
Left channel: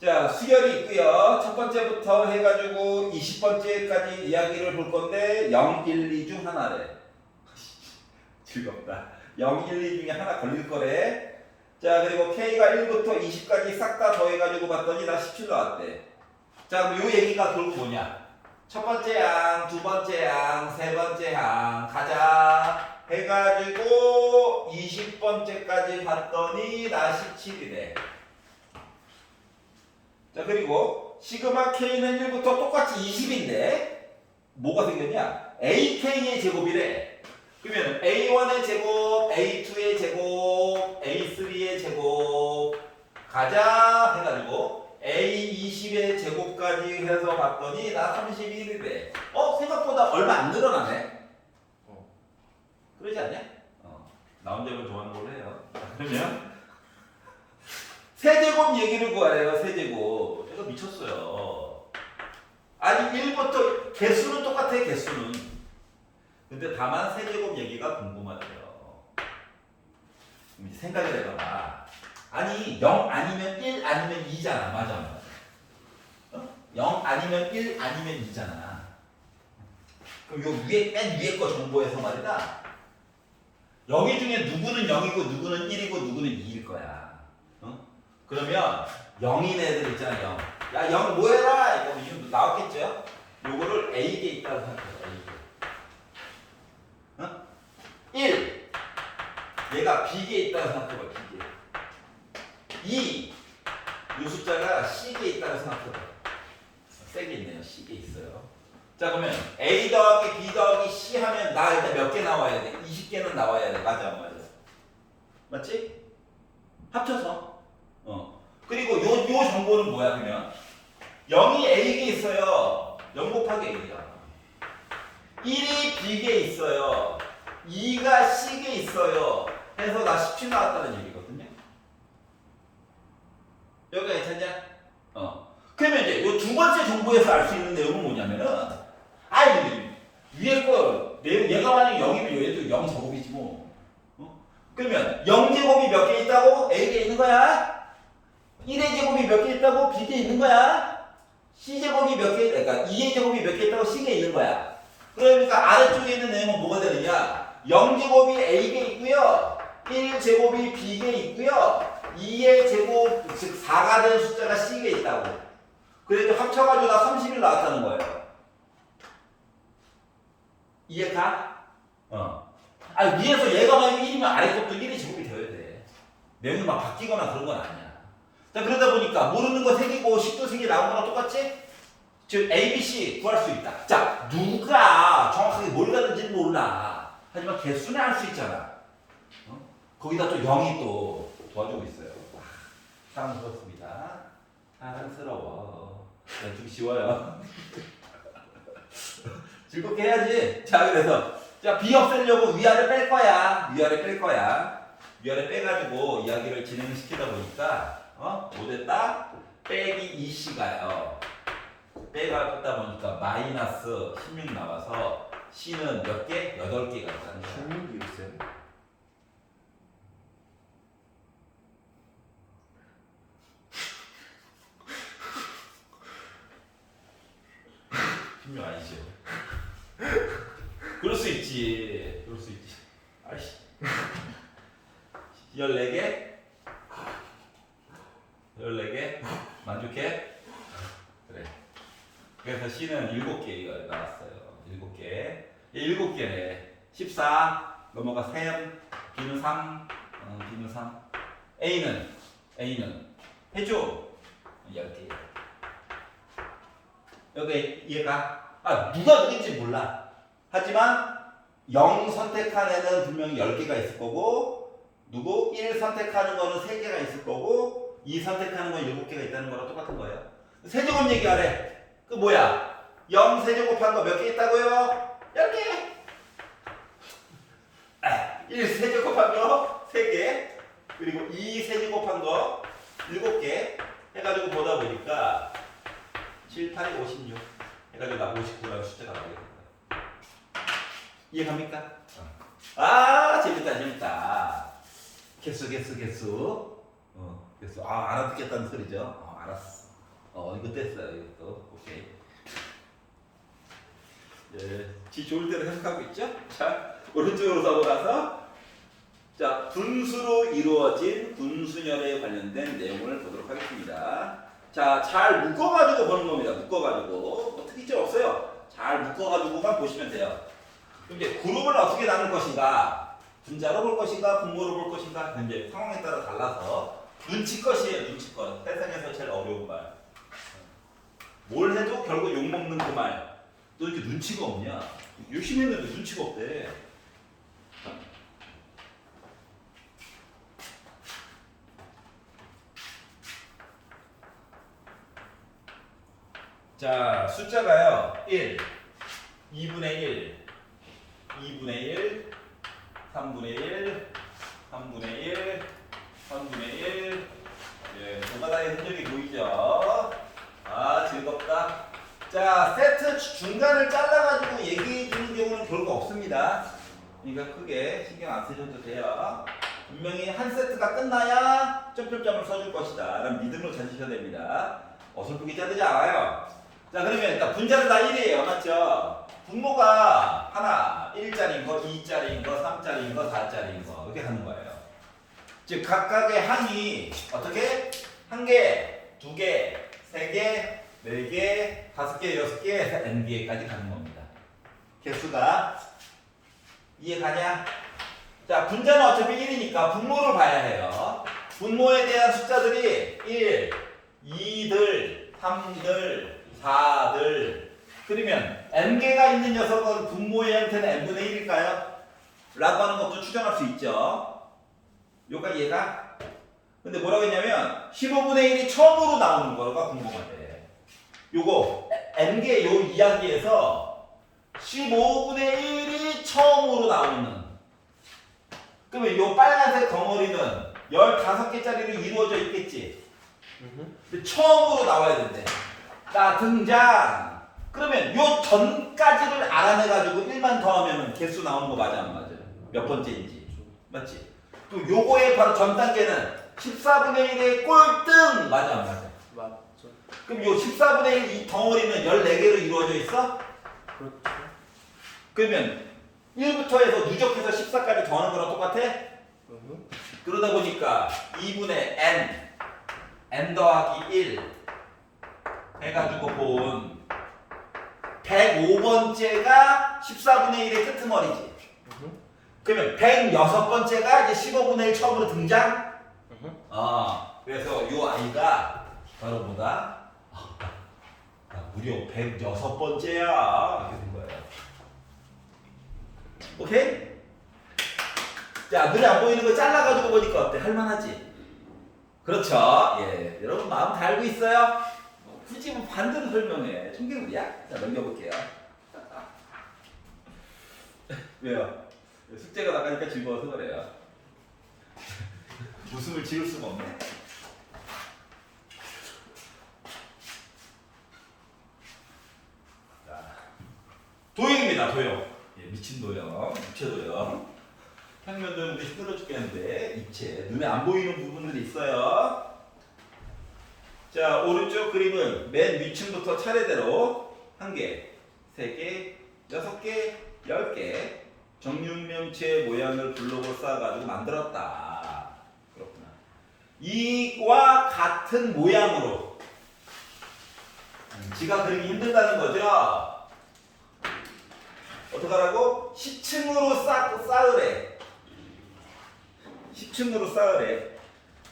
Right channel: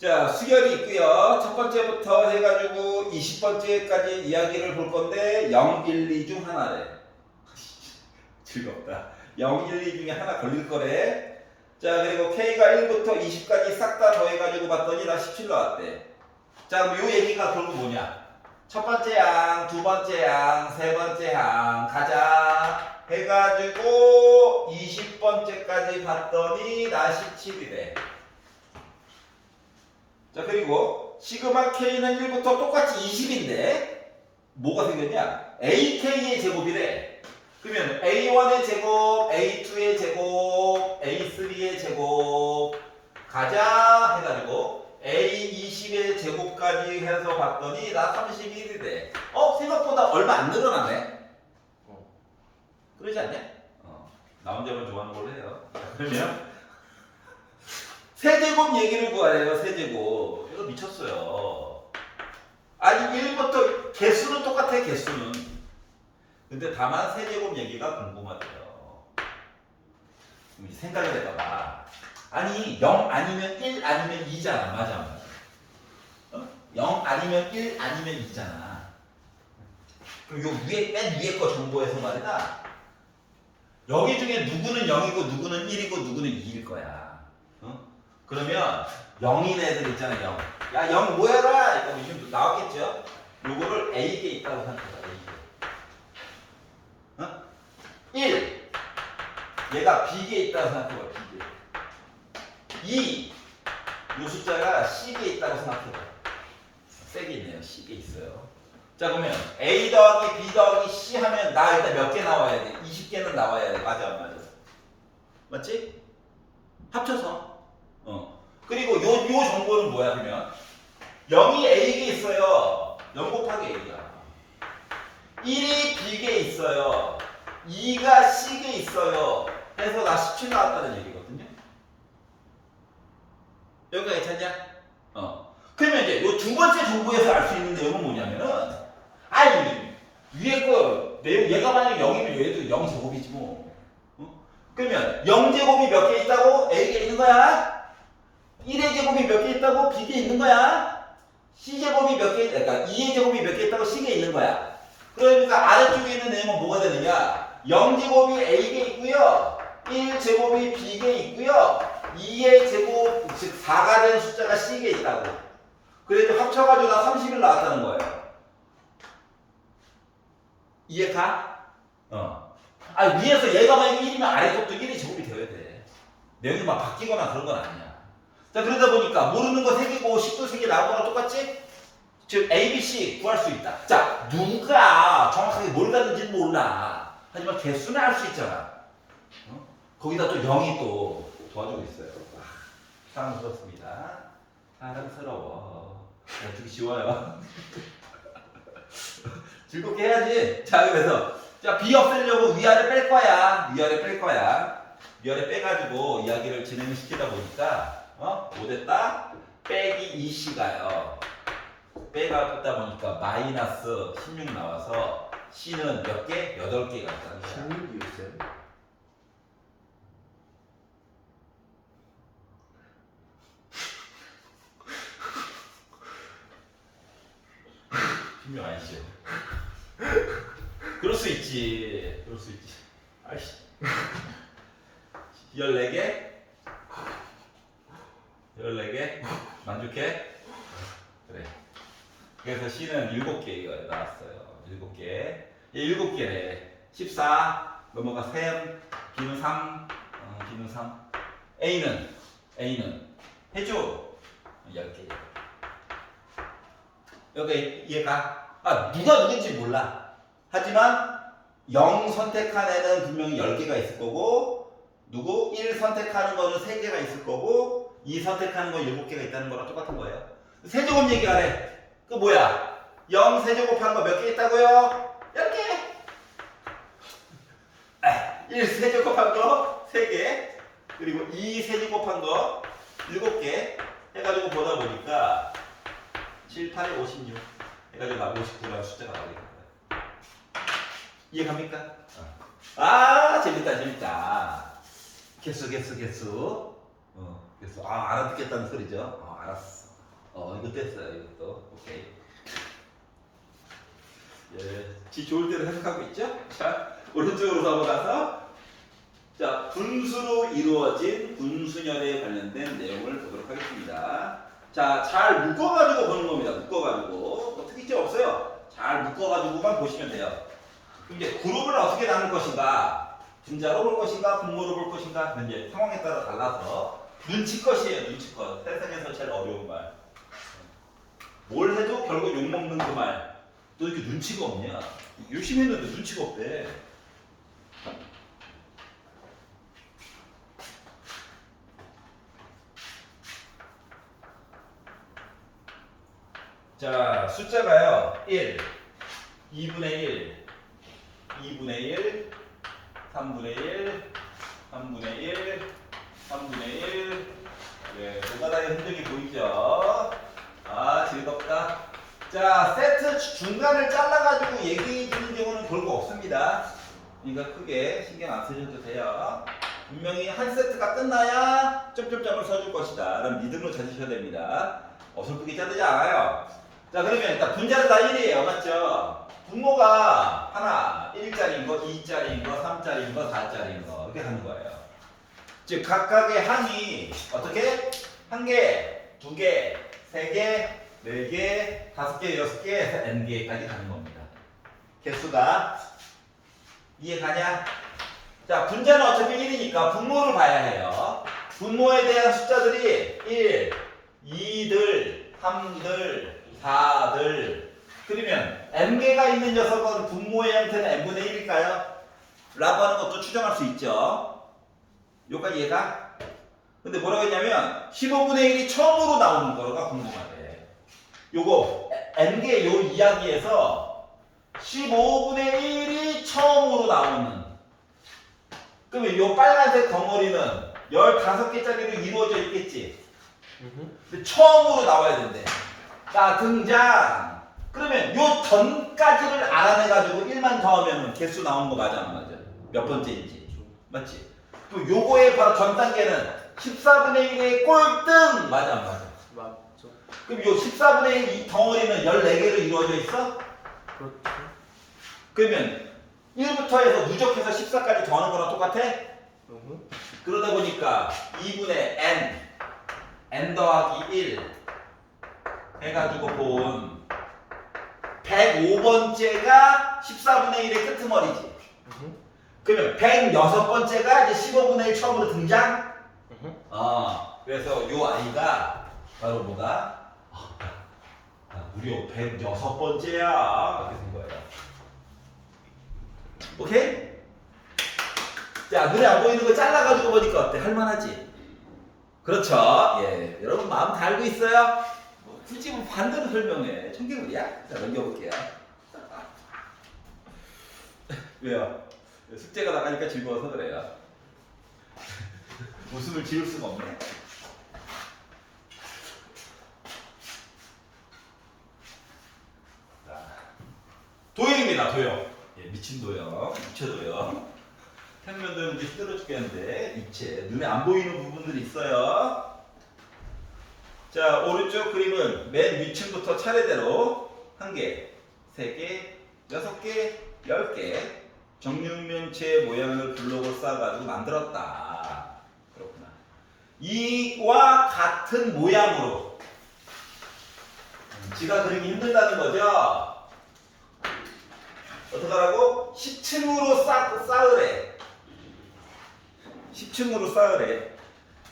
자, 수열이 있고요. 첫 번째부터 해가지고 20번째까지 이야기를 볼 건데 0, 1, 2 중 하나래. 즐겁다. 0, 1, 2 중에 하나 걸릴 거래. 자, 그리고 K가 1부터 20까지 싹 다 더해가지고 봤더니 나 17 나왔대. 자, 그럼 요 얘기가 결국 뭐냐? 첫 번째 항, 두 번째 항, 세 번째 항 가자. 해가지고 20번째까지 봤더니 나 17이래. 자, 그리고 시그마 K는 1부터 똑같이 20인데 뭐가 생겼냐? AK의 제곱이래. 그러면 A1의 제곱, A2의 제곱, A3의 제곱 가자 해가지고 A20의 제곱까지 해서 봤더니 나 31이래. 생각보다 얼마 안 늘어나네. 그러지 않냐? 나 혼자만 좋아하는 걸로 해요. 그러면 세제곱 얘기를 구하래요. 세제곱. 이거 미쳤어요. 아니 1부터 개수는 똑같아. 개수는. 근데 다만 세제곱 얘기가 궁금하대요. 그럼 이제 생각을 해봐봐. 아니 0 아니면 1 아니면 2잖아. 맞아. 0 아니면 1 아니면 2잖아. 그럼 요 위에 맨 위에 거 정보에서 말이다. 여기 중에 누구는 0이고 누구는 1이고 누구는 2일 거야. 그러면 0인 애들 있잖아. 0. 야 0 뭐해라 이거 지금 나왔겠죠? 요거를 A에 있다고 생각해봐. A에. 1. 얘가 B에 있다고 생각해봐. B에. 2. 요 숫자가 C에 있다고 생각해봐. 세게 있네요. C에 있어요. 자 그러면 A 더하기 B 더하기 C 하면 나 일단 몇 개 나와야 돼? 20개는 나와야 돼. 맞아 안 맞아? 맞지? 합쳐서. 그리고 요 정보는 뭐야 그러면? 0이 A에 있어요. 0 곱하기 A야. 1이 B에 있어요. 2가 C에 있어요. 해서 나 17 나왔다는 얘기거든요. 여기가 괜찮냐? 그러면 이제 요 두 번째 정보에서 알 수 있는 내용은 뭐냐면은 위에 거 내용 얘가 만약에 0이면 얘도 0 제곱이지 뭐. 그러면 0 제곱이 몇 개 있다고? A에 있는 거야. 1의 제곱이 몇 개 있다고? B에 있는 거야. C 제곱이 몇 개, 그러니까 2의 제곱이 몇 개 있다고 C에 있는 거야. 그러니까 아래쪽에 있는 내용은 뭐가 되느냐? 0 제곱이 A에 있고요. 1 제곱이 B에 있고요. 2의 제곱, 즉 4가 되는 숫자가 C에 있다고. 그래서 합쳐가지고 나 30일 나왔다는 거예요. 이해가? 위에서 얘가 만약에 1이면 아래 것도 1의 제곱이 되어야 돼. 내용이 막 바뀌거나 그런 건 아니야. 자, 그러다 보니까 모르는 거 3개고 10도 3개 나오는 거랑 똑같지? 즉 A, B, C 구할 수 있다. 자, 누가 정확하게 뭘 가는지는 몰라. 하지만 개수는 알 수 있잖아. 거기다 또 0이 또 도와주고 있어요. 사랑스럽습니다. 사랑스러워. 좀 쉬워요. 즐겁게 해야지. 자, 그래서 자, B 없애려고 위아래 뺄 거야. 위아래 뺄 거야. 위아래 빼가지고 이야기를 진행시키다 보니까 뭐 됐다? 빼기 2C가요. 빼다 보니까 마이너스 16 나와서 C는 몇 개? 8개가 있다는 거야. 16이었어요? 신경 아니죠? 그럴 수 있지. 그럴 수 있지. 아이씨. 14개? 14개? 만족해? 그래. 그래서 C는 7개 나왔어요. 7개. 7개래. 14 넘어가 3, B는 3, B는 3. A는 해줘. 10개. 여기 이해가? 누가 누군지 몰라. 하지만 0 선택한 애는 분명히 10개가 있을 거고 누구? 1 선택하는 거는 3개가 있을 거고 2 선택하는 건 7개가 있다는 거랑 똑같은 거예요. 세제곱 얘기하래. 그 뭐야? 0 세제곱한 거 몇 개 있다고요? 10개. 1 세제곱한 거 3개. 그리고 2 세제곱한 거 7개. 해가지고 보다 보니까 7, 8에 56. 해가지고 59라는 숫자가 나오겠다. 이해갑니까? 아 재밌다 재밌다. 개수. 개수. 알아듣겠다는 소리죠. 알았어. 이거 됐어요. 이것도 오케이. 예, 지 좋을 대로 해석하고 있죠? 자, 오른쪽으로 넘어가서 자 분수로 이루어진 분수녀에 관련된 내용을 보도록 하겠습니다. 자, 잘 묶어가지고 보는 겁니다. 묶어가지고 뭐 특이점 없어요. 잘 묶어가지고만 보시면 돼요. 그럼 이제 그룹을 어떻게 나눌 것인가? 분자로 볼 것인가? 분모로 볼 것인가? 이제 상황에 따라 달라서 눈치껏이에요. 눈치껏. 세상에서 제일 어려운 말. 뭘 해도 결국 욕먹는 그 말. 너 이렇게 눈치가 없냐? 열심히 했는데 눈치가 없대. 자, 숫자가요. 1, 2분의 1, 2분의 1, 3분의 1, 3분의 1, 3분의 1. 예, 노가다의 흔적이 보이죠? 아, 즐겁다. 자, 세트 중간을 잘라가지고 얘기해 주는 경우는 별거 없습니다. 그러니까 크게 신경 안 쓰셔도 돼요. 분명히 한 세트가 끝나야 점점점을 써줄 것이다 라는 믿음을 가지셔야 됩니다. 어설프게 자르지 않아요. 자, 그러면 일단 분자는 다 1이에요. 맞죠? 분모가 하나, 1짜리인 거, 2짜리인 거, 3짜리인 거, 4짜리인 거 이렇게 하는 거예요. 즉 각각의 항이 어떻게? 1개, 2개, 3개, 4개, 5개, 6개, n개까지 가는 겁니다. 개수가 이해가냐? 자, 분자는 어차피 1이니까 분모를 봐야 해요. 분모에 대한 숫자들이 1, 2들, 3들, 4들. 그러면 n개가 있는 녀석은 분모의 형태는 n분의 1일까요? 라고 하는 것도 추정할 수 있죠. 여기까지 이해가? 근데 뭐라고 했냐면 15분의 1이 처음으로 나오는 거가 분모가 돼. 요거 n개 요 이야기에서 15분의 1이 처음으로 나오는. 그러면 요 빨간색 덩어리는 15개짜리로 이루어져 있겠지. 근데 처음으로 나와야 된대. 나 등장. 그러면 요 전까지를 알아내가지고 1만 더하면 개수 나오는 거 맞아 안 맞아? 몇 번째인지. 맞지? 그럼 요거의 바로 전 단계는 14분의 1의 꼴등 맞아 안 맞아? 맞죠. 그럼 요 14분의 1 이 덩어리는 14개로 이루어져 있어? 그렇죠. 그러면 1부터 해서 누적해서 14까지 더하는 거랑 똑같아? 그러다 보니까 2분의 n 더하기 1 해가지고 본 105번째가 14분의 1의 끄트머리지. 그러면 106번째가 이제 15분의 1 처음으로 등장? 그래서 요 아이가 바로 뭐다? 무려 106번째야. 이렇게 된 거예요. 오케이? 자, 눈에 안 보이는 거 잘라가지고 보니까 어때? 할만하지? 그렇죠. 예, 여러분 마음 다 알고 있어요? 굳이 뭐 반대로 설명해. 청개구리야? 자, 넘겨볼게요. 왜요? 숙제가 나가니까 즐거워서 그래요. 웃음을 지울 수가 없네. 자, 도형입니다. 도형. 예, 미친 도형, 입체 도형. 평면도는 힘들어 죽겠는데 입체. 눈에 안 보이는 부분들이 있어요. 자, 오른쪽 그림은 맨 위층부터 차례대로 1개, 3개, 6개, 10개 정육면체 모양을 블록을 쌓아가지고 만들었다. 그렇구나. 이와 같은 모양으로 지가 그리기 힘들다는 거죠. 어떡하라고? 10층으로 쌓으래. 10층으로 쌓으래.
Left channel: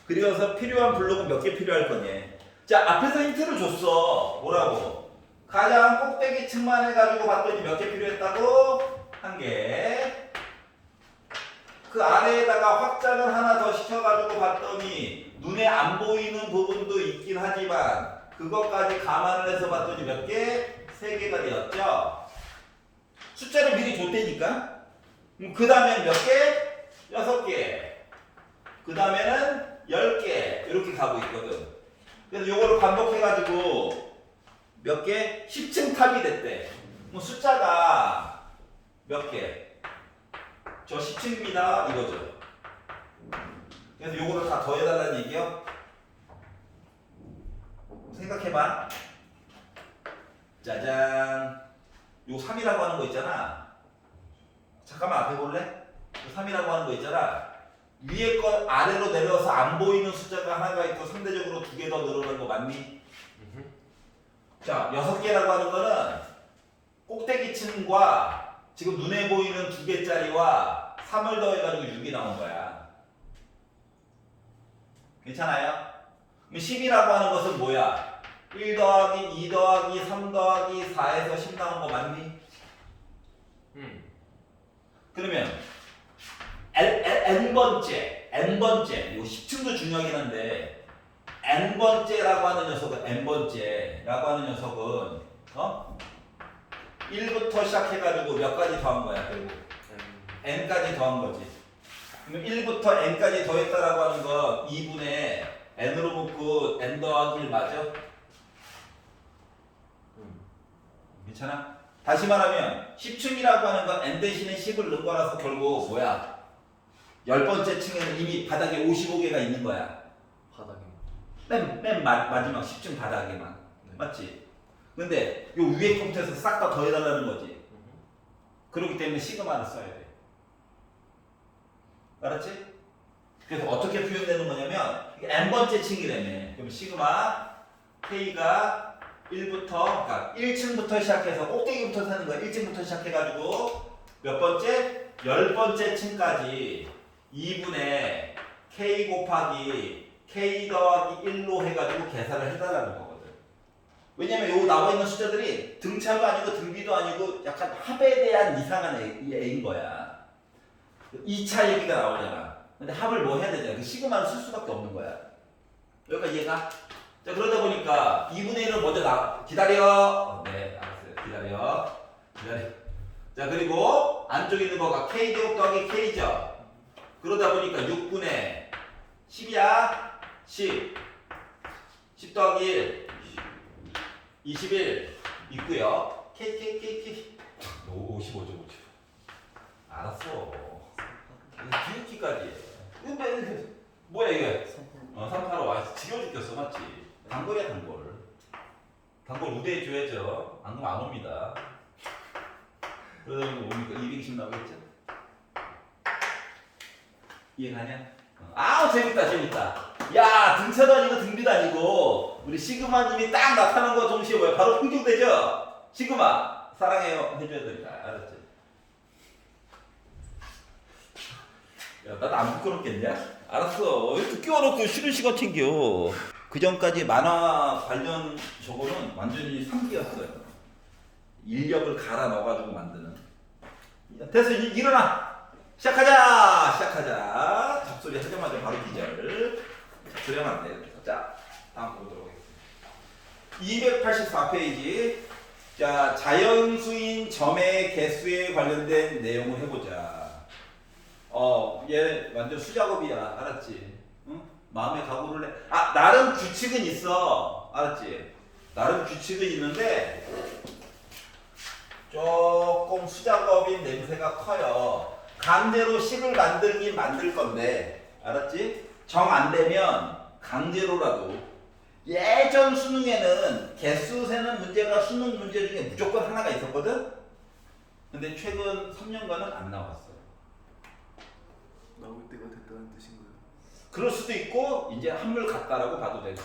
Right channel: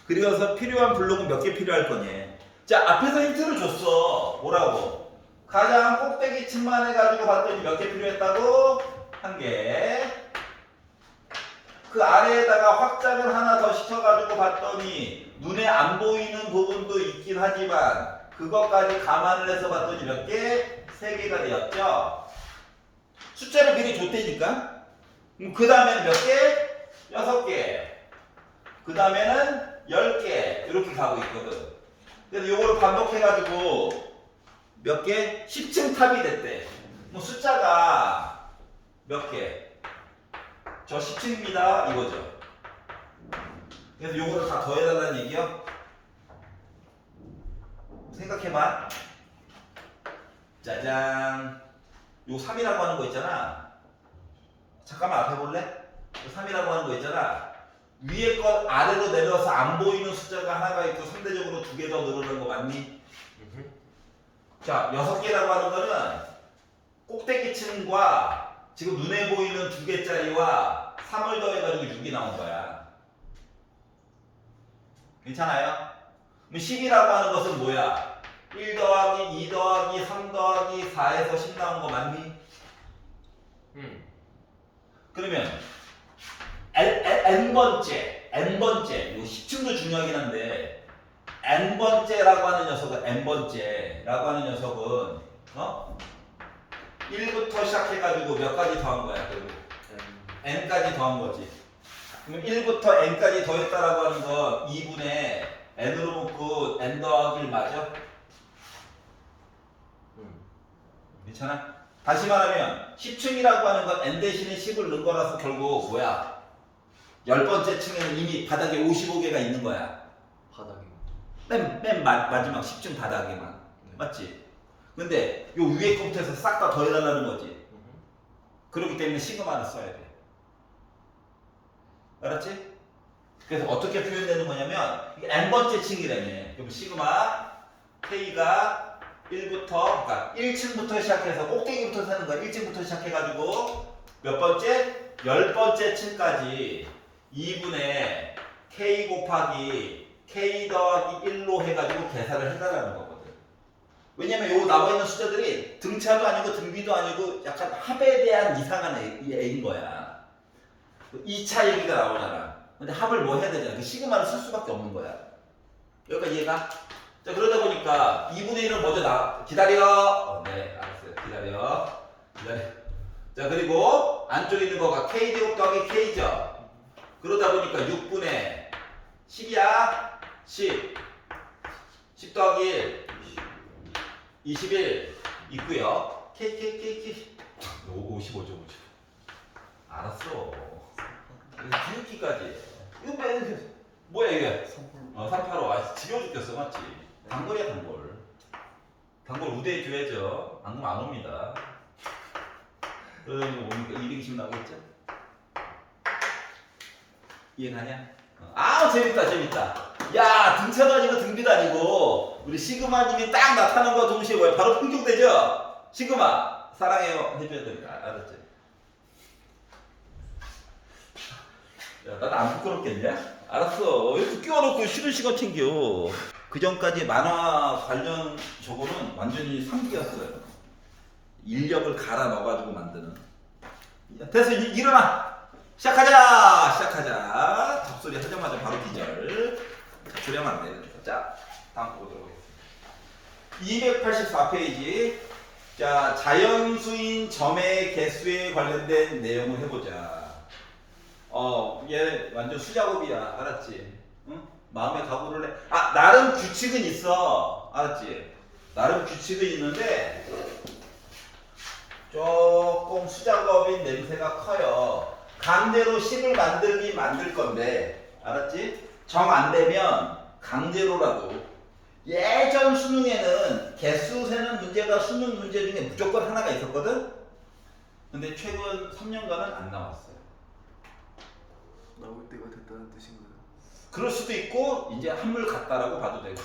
그려서 필요한 블록은 몇 개 필요할 거니? 자, 앞에서 힌트를 줬어. 뭐라고? 가장 꼭대기 층만 해가지고 봤더니 몇 개 필요했다고? 1개. 그 아래에다가 확장을 하나 더 시켜가지고 봤더니 눈에 안 보이는 부분도 있긴 하지만 그것까지 감안을 해서 봤더니 몇 개? 3개가 되었죠. 숫자를 미리 줬다니까. 그 다음에는 몇 개? 6개. 그 다음에는 10개. 이렇게 가고 있거든. 그래서 요거를 반복해가지고 몇 개? 10층 탑이 됐대. 뭐 숫자가 몇 개? 저 10층입니다. 이거죠. 그래서 요거를 다 더해달라는 얘기요. 생각해봐. 짜잔. 요 3이라고 하는 거 있잖아. 잠깐만 앞에 볼래? 요 3이라고 하는 거 있잖아. 위에 거 아래로 내려와서 안 보이는 숫자가 하나가 있고 상대적으로 2개 더 늘어난 거 맞니? 자, 6개라고 하는 거는 꼭대기층과 지금 눈에 보이는 2개짜리와 3을 더해가지고 6이 나온 거야. 괜찮아요? 그럼 10이라고 하는 것은 뭐야? 1 더하기 2 더하기 3 더하기 4에서 10 나온 거 맞니? 그러면 n번째 요 10층도 중요하긴 한데 n번째라고 하는 녀석은 n번째라고 하는 녀석은 1부터 시작해가지고 몇 가지 더한 거야 결국 n까지 더한 거지. 그럼 1부터 n까지 더했다라고 하는 건 2분의 n으로 묶고 n 더하기 1 맞아? 괜찮아? 다시 말하면 10층이라고 하는 건 n 대신에 10을 넣은 거라서 결국 뭐야? 10번째 층에는 이미 바닥에 55개가 있는 거야. 바닥에. 맨 마지막 10층 바닥에만. 맞지? 근데 요 위에 컴퓨터에서 싹 다 더해달라는 거지. 그렇기 때문에 시그마를 써야 돼. 알았지? 그래서 어떻게 표현되는 거냐면 이게 n번째 층이라며. 그럼 시그마 K가 1부터 그러니까 1층부터 시작해서 꼭대기부터 사는 거야. 1층부터 시작해가지고 몇 번째? 10번째 층까지 2분의 K 곱하기 K 더하기 1로 해가지고 계산을 해달라는 거거든. 왜냐면 요 나와 있는 숫자들이 등차도 아니고 등비도 아니고 약간 합에 대한 이상한 애인 거야. 2차 얘기가 나오잖아. 근데 합을 뭐 해야 되잖아. 그 시그마를 쓸 수밖에 없는 거야. 여기까지 이해가? 자, 그러다 보니까 2분의 1은 먼저 기다려. 네, 알았어요. 기다려. 자, 그리고 안쪽에 있는 거가 K제곱 더하기 K죠. 그러다 보니까 6분의 10이야. 10 더하기 1 21 있고요. K 55죠. 알았어. 이거 뒤집기까지. 이거 뭐야 이게? 385. 아, 지겨워 죽겠어. 맞지? 단골이야 단골. 단골 우대해 줘야죠. 안 그러면 안 옵니다. 그러다 보면 오니까 220 나오겠죠? 이해가냐? 아 재밌다. 야 등차도 아니고 등비도 아니고 우리 시그마님이 딱 나타난 거 동시에 뭐야? 바로 풍경되죠? 시그마 사랑해요 해줘야 된다. 알았지? 야 나는 안 부끄럽겠냐? 알았어. 이렇게 끼워놓고 쉬는 시간 챙겨. 그 전까지 만화 관련 저거는 완전히 상기였어요. 인력을 갈아 넣어가지고 만드는. 됐어 일어나. 시작하자. 잡소리 하자마자 바로 기절. 잡소리 하면 안 돼. 자, 다음 보도록 하겠습니다. 284페이지. 자, 자연수인 점의 개수에 관련된 내용을 해보자. 얘 완전 수작업이야. 알았지? 응? 마음의 각오를 해. 아, 나름 규칙은 있어. 알았지? 나름 규칙은 있는데 조금 수작업인 냄새가 커요. 강제로 식을 만들 건데, 알았지? 정 안 되면 강제로라도. 예전 수능에는 개수 세는 문제가 수능 문제 중에 무조건 하나가 있었거든? 근데 최근 3년간은 안 나왔어요. 나올 때가 됐다는 뜻인가요? 그럴 수도 있고 이제 한물 같다라고 봐도 되고.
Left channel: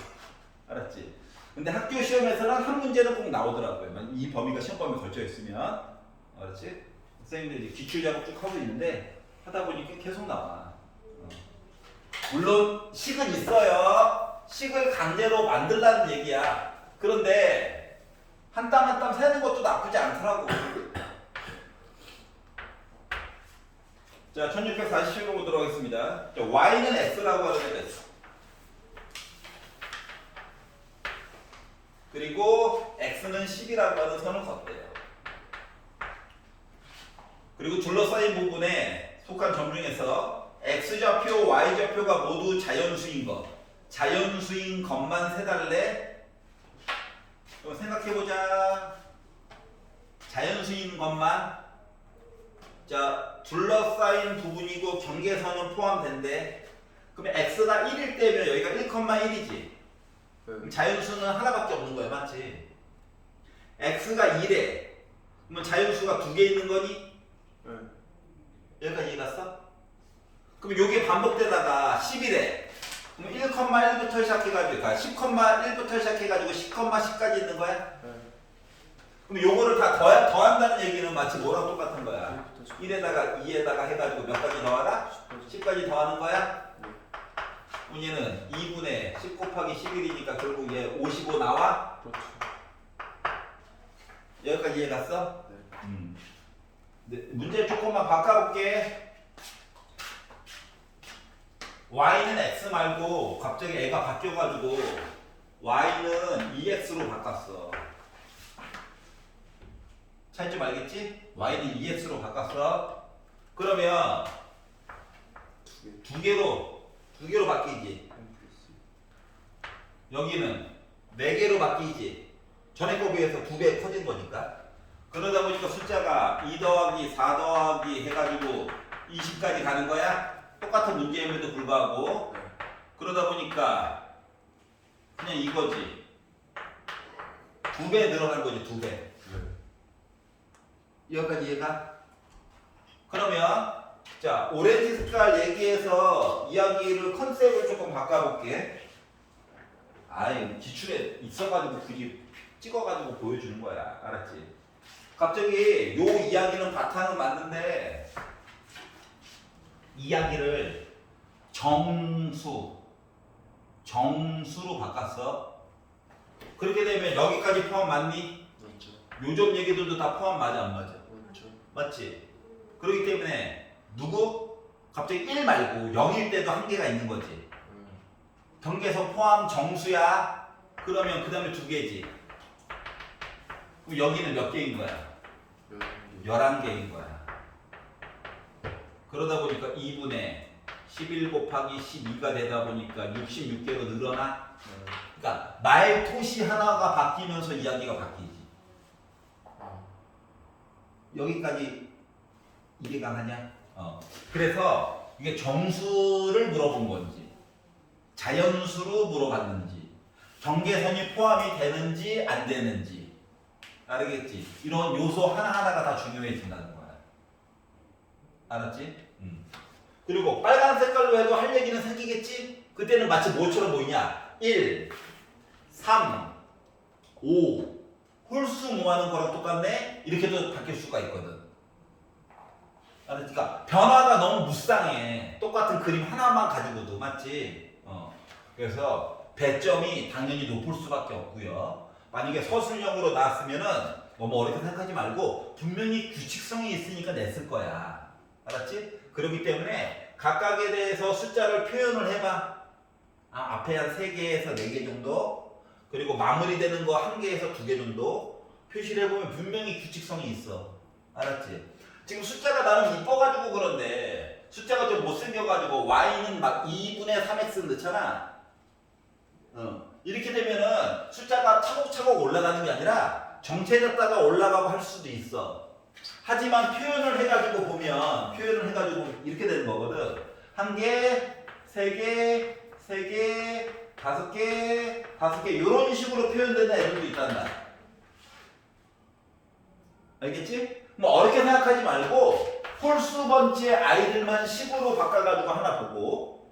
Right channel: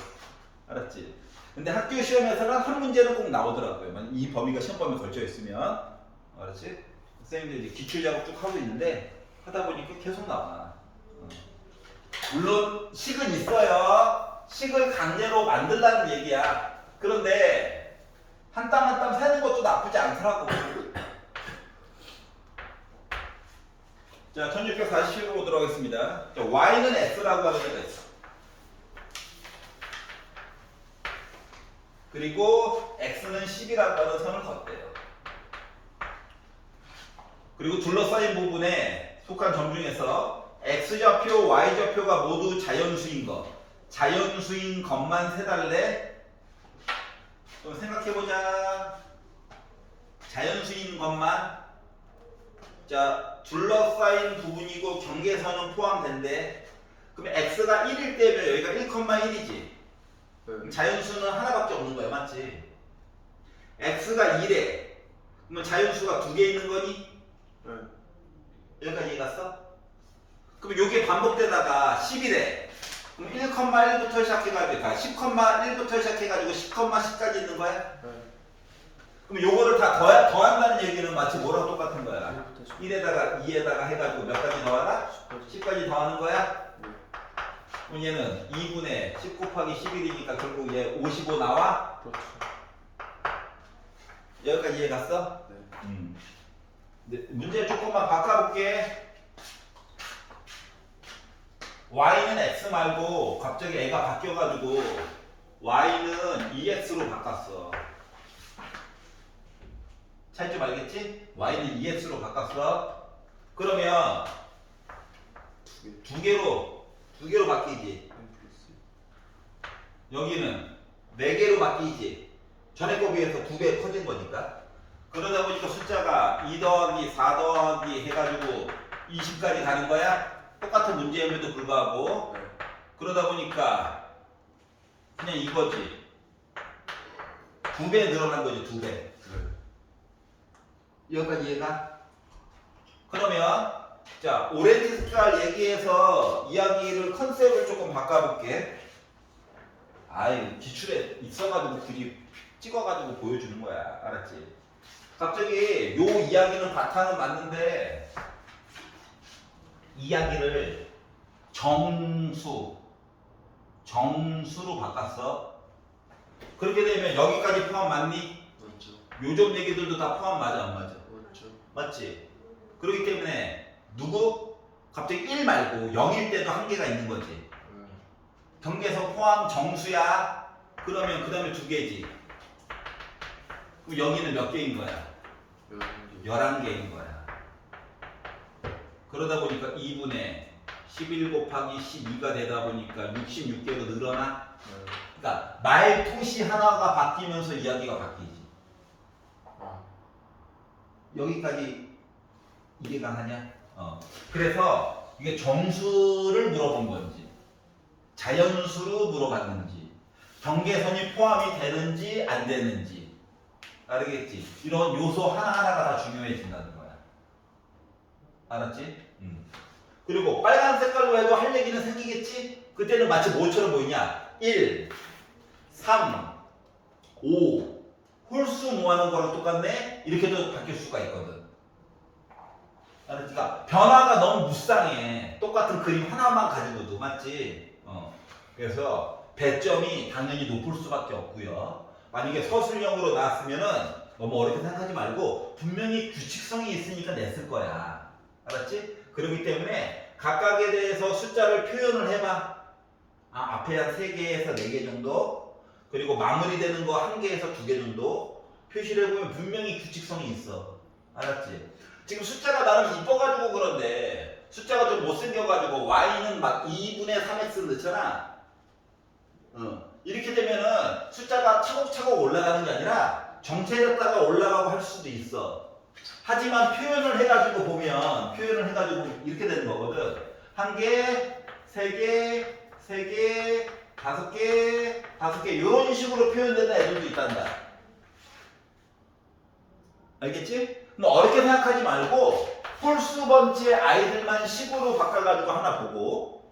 알았지? 근데 학교 시험에서는 한 문제는 꼭 나오더라고요. 이 범위가 시험 범위에 걸쳐 있으면. 알았지? 선생님들 이제 기출 작업 쭉 하고 있는데 하다 보니까 계속 나와. 물론 식은 있어요. 식을 강제로 만들라는 얘기야. 그런데 한 땀 한 땀 세는 것도 나쁘지 않더라고. 자, 1647번 보도록 하겠습니다. 자, y는 x라고 하는 애가 있어. 그리고 x는 10이라고 하는 선을 걷대요. 그리고 둘러싸인 부분에 속한 점 중에서 x좌표, y좌표가 모두 자연수인 것. 자연수인 것만 세달래. 좀 생각해보자. 자연수인 것만. 자, 둘러싸인 부분이고 경계선은 포함된대. 그러면 x가 1일 때면 여기가 1,1이지. 그럼 자연수는 하나밖에 없는 거야, 맞지? x가 1에 그러면 자연수가 2개 있는 거니? 네. 여기까지 이해갔어? 그럼 요게 반복되다가 11에 그럼 1,1부터 시작해가지고 10,1부터 시작해가지고 10,10까지 있는 거야? 네. 그럼 요거를 다 더한다는 얘기는 마치 뭐랑 똑같은 거야? 1부터 1에다가 2에다가 해가지고 몇 가지 더하라? 10까지. 10까지 더하는 거야? 네. 그럼 얘는 2분의 10 곱하기 11이니까 결국 얘 55 나와? 그렇죠. 여기까지 이해 갔어? 네. 네, 문제 조금만 바꿔볼게. y는 x 말고 갑자기 애가 바뀌어가지고 y는 2x로 바꿨어. 차이점 알겠지? y는 2x로 바꿨어. 그러면 두 개. 두 개로 바뀌지. M 플러스 여기는 4개로 바뀌지. 전에 거 비해서 2배 커진 거니까. 그러다 보니까 숫자가 2 더하기 4 더하기 해가지고 20까지 가는 거야. 똑같은 문제임에도 불구하고. 네. 그러다 보니까 그냥 이거지. 2배 늘어난 거지, 2배. 네. 여기까지 이해가? 그러면 자, 오렌지 색깔 얘기해서 이야기를 컨셉을 조금 바꿔볼게. 아이, 기출에 있어가지고 굳이 찍어가지고 보여주는 거야. 알았지? 갑자기 요 이야기는 바탕은 맞는데 이야기를 정수로 바꿨어. 그렇게 되면 여기까지 포함 맞니? 맞죠. 요점 얘기들도 다 포함 맞아 안 맞아? 맞죠. 맞지? 그렇기 때문에 누구? 갑자기 1 말고 0일 때도 한계가 있는 거지. 네. 경계선 포함 정수야. 그러면 그 다음에 2개지. 그럼 여기는 몇 개인 거야? 11개. 11개인 거야. 그러다 보니까 2분의 11 곱하기 12가 되다 보니까 66개로 늘어나. 네. 그러니까 말토시 하나가 바뀌면서 이야기가 바뀌지. 여기까지 이해가 하냐? 그래서 이게 정수를 물어본 건지, 자연수로 물어봤는지, 경계선이 포함이 되는지 안 되는지, 알겠지? 이런 요소 하나하나가 다 중요해진다는 거야. 알았지? 그리고 빨간 색깔로 해도 할 얘기는 생기겠지? 그때는 마치 뭐처럼 보이냐? 1, 3, 5 홀수 모아는 거랑 똑같네? 이렇게도 바뀔 수가 있거든. 그러니까 변화가 너무 무쌍해. 똑같은 그림 하나만 가지고도. 맞지? 그래서 배점이 당연히 높을 수밖에 없고요. 만약에 서술형으로 나왔으면은 너무 어렵게 생각하지 말고 분명히 규칙성이 있으니까 냈을 거야. 알았지? 그렇기 때문에 각각에 대해서 숫자를 표현을 해봐. 앞에 한 3개에서 4개 정도, 그리고 마무리되는 거 1개에서 2개 정도 표시를 해보면 분명히 규칙성이 있어. 알았지? 지금 숫자가 나름 이뻐가지고 그런데 숫자가 좀 못생겨가지고 y는 막 2분의 3x 넣잖아. 이렇게 되면은 숫자가 차곡차곡 올라가는 게 아니라 정체됐다가 올라가고 할 수도 있어. 하지만 표현을 해가지고 보면 표현을 해가지고 이렇게 되는 거거든. 1개, 3개, 3개, 5개, 5개 이런 식으로 표현되는 애들도 있단다. 알겠지? 뭐 어렵게 생각하지 말고 홀수 번째 아이들만 식으로 바꿔가지고 하나 보고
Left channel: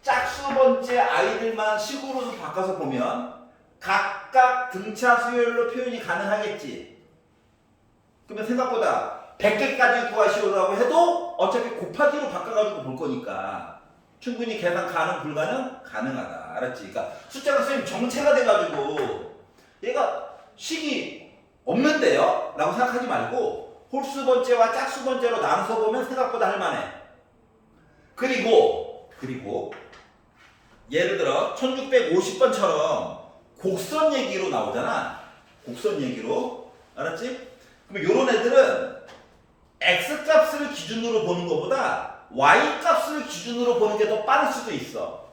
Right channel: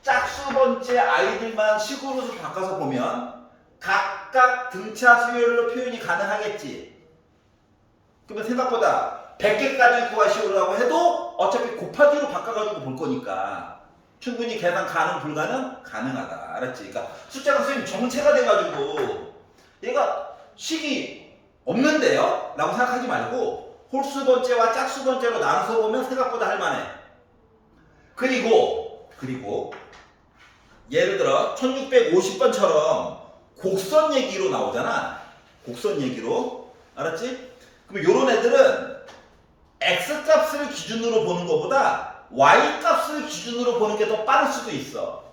짝수 번째 아이들만 식으로 바꿔서 보면 각각 등차 수열로 표현이 가능하겠지. 그러면 생각보다 100개까지 구하시오라고 해도 어차피 곱하기로 바꿔가지고 볼 거니까 충분히 계산 가능 불가능? 가능하다. 알았지? 그러니까 숫자가 선생님 정체가 돼가지고 얘가 식이 없는데요? 라고 생각하지 말고 홀수 번째와 짝수 번째로 나눠서 보면 생각보다 할만해. 그리고 예를 들어 1650번처럼 곡선 얘기로 나오잖아. 곡선 얘기로. 알았지? 그럼 요런 애들은 X값을 기준으로 보는 것보다 Y값을 기준으로 보는 게 더 빠를 수도 있어.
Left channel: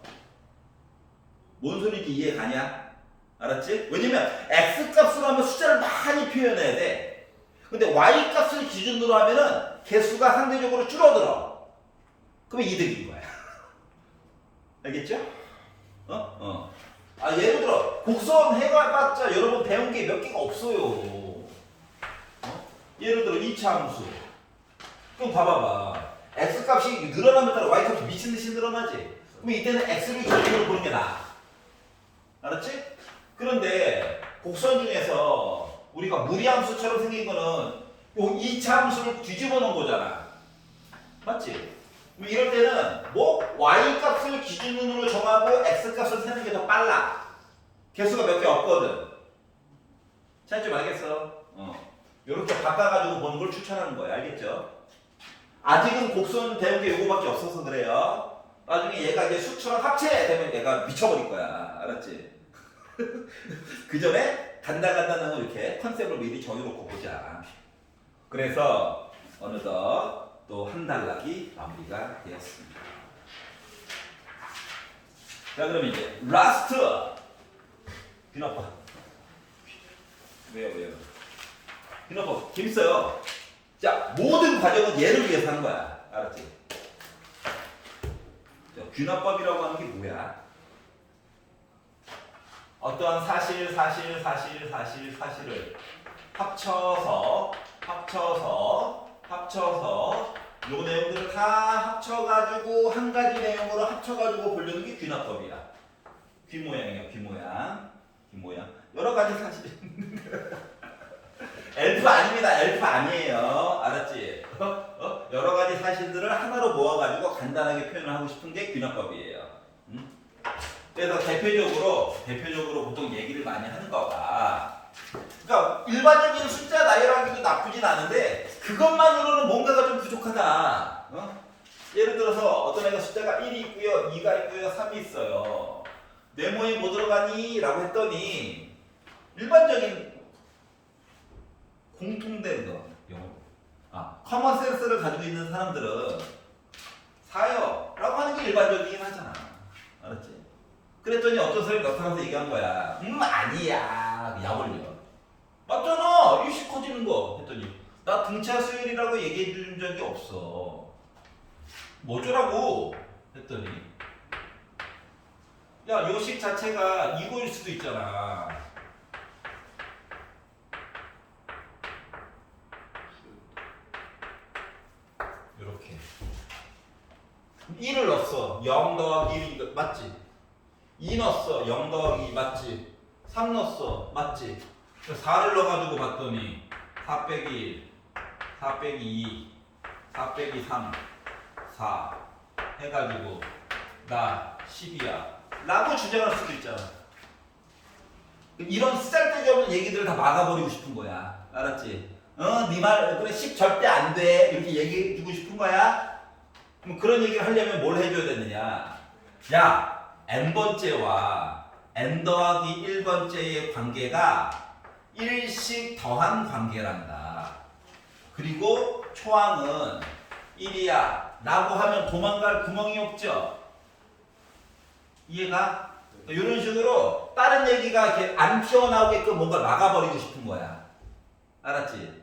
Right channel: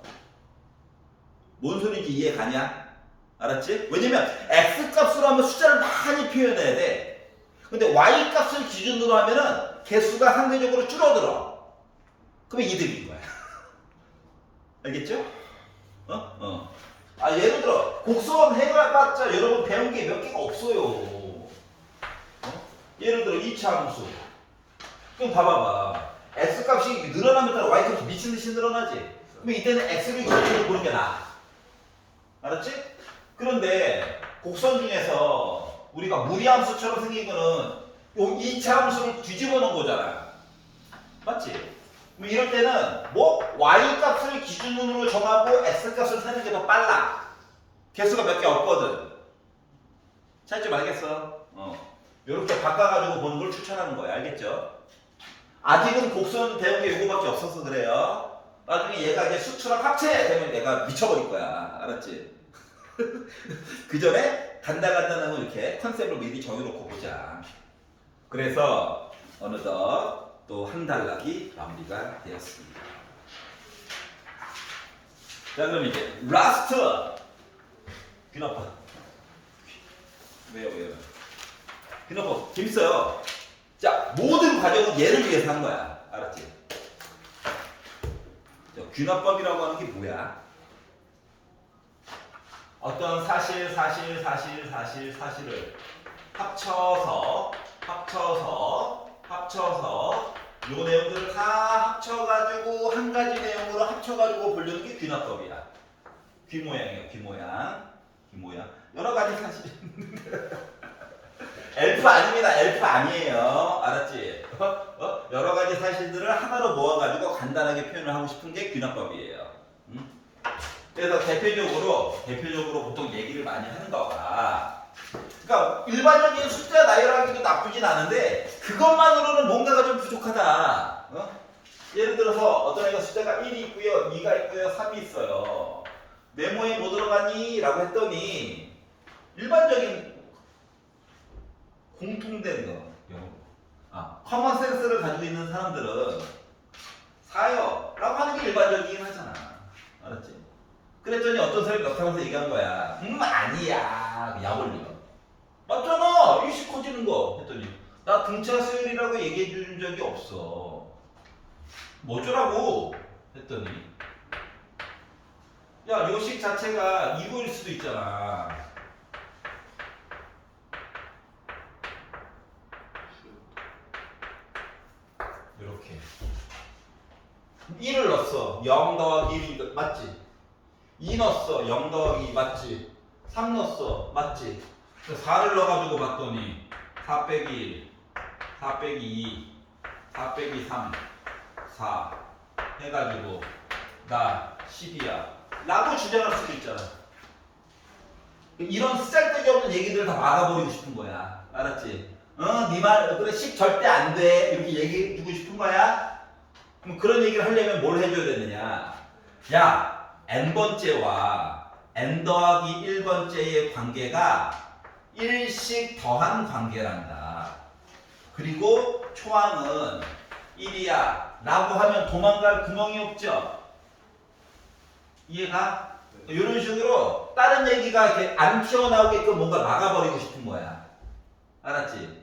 뭔 소리인지 이해 가냐? 알았지? 왜냐면 X값으로 하면 숫자를 많이 표현해야 돼. 근데 Y값을 기준으로 하면은 개수가 상대적으로 줄어들어. 그럼 이득인 거야. 알겠죠? 예를 들어 곡선 해봤자 여러분 배운 게 몇 개가 없어요. 예를 들어 2차 함수. 그럼 봐봐봐. X값이 늘어나면 따라 Y값이 미친듯이 늘어나지. 그럼 이때는 X를 기준으로 보는 게 나아. 알았지? 그런데 곡선 중에서 우리가 무리함수처럼 생긴 거는 요 2차 함수를 뒤집어 놓은 거잖아. 맞지? 이럴 때는 뭐 Y값을 기준으로 정하고 X값을 세는 게 더 빨라. 개수가 몇 개 없거든. 차이점 알겠어? 이렇게 바꿔가지고 보는 걸 추천하는 거야. 알겠죠? 아직은 곡선 배운 게 요거밖에 없어서 그래요. 나중에 얘가 이제 수추랑 합체되면 얘가 미쳐버릴 거야. 알았지? 그 전에 간단한 거 이렇게 컨셉을 미리 정해놓고 보자. 그래서 어느덧 또 한 단락이 마무리가 되었습니다. 자, 그럼 이제 라스트 귀나빠. 왜요? 귀나빠 재밌어요. 자, 모든 과정은 얘를 위해서 한 거야. 알았지? 자, 귀납법이라고 하는 게 뭐야? 어떤 사실을 합쳐서 요 내용들을 다 합쳐가지고 한 가지 내용으로 합쳐가지고 보려는 게 귀납법이야. 귀 모양이에요. 귀 모양. 여러 가지 사실. 엘프 아닙니다. 엘프 아니에요. 알았지? 여러 가지 사실들을 하나로 모아가지고 간단하게 표현을 하고 싶은 게 귀납법이에요. 그래서 대표적으로 보통 얘기를 많이 하는 거가, 그러니까 일반적인 숫자 나열하기도 나쁘진 않은데 그것만으로는 뭔가가 좀 부족하다. 예를 들어서 어떤 애가 숫자가 1이 있고요, 2가 있고요, 3이 있어요. 네모에 뭐 들어가니? 라고 했더니 일반적인 공통된 거, 커먼 센스를 가지고 있는 사람들은 4요 라고 하는 게 일반적이긴 하잖아. 알았지? 그랬더니 어떤 사람이 나타나서 얘기한 거야. 아니야. 약 올려. 맞잖아. 일씩 커지는 거. 했더니 나 등차 수열이라고 얘기해 준 적이 없어. 뭐더라고? 했더니 야, 요식 자체가 이거일 수도 있잖아. 이렇게 1을 넣었어. 0 더하기 1 맞지? 2 넣었어. 0 더하기 2 맞지? 3 넣었어. 맞지? 4를 넣어가지고 봤더니 4 빼기 1, 4 빼기 2, 4 빼기 3, 4 해가지고 나 10이야 라고 주장할 수도 있잖아. 이런 쓰잘데기 없는 얘기들을 다 막아버리고 싶은 거야. 알았지? 네 말, 그래 10 절대 안 돼. 이렇게 얘기해주고 싶은 거야. 그럼 그런 얘기를 하려면 뭘 해줘야 되느냐? 야, n번째와 n 더하기 1번째의 관계가 1씩 더한 관계란다. 그리고 초항은 1이야 라고 하면 도망갈 구멍이 없죠. 이해가? 이런 식으로 다른 얘기가 이렇게 안 튀어나오게끔 뭔가 막아버리고 싶은 거야. 알았지?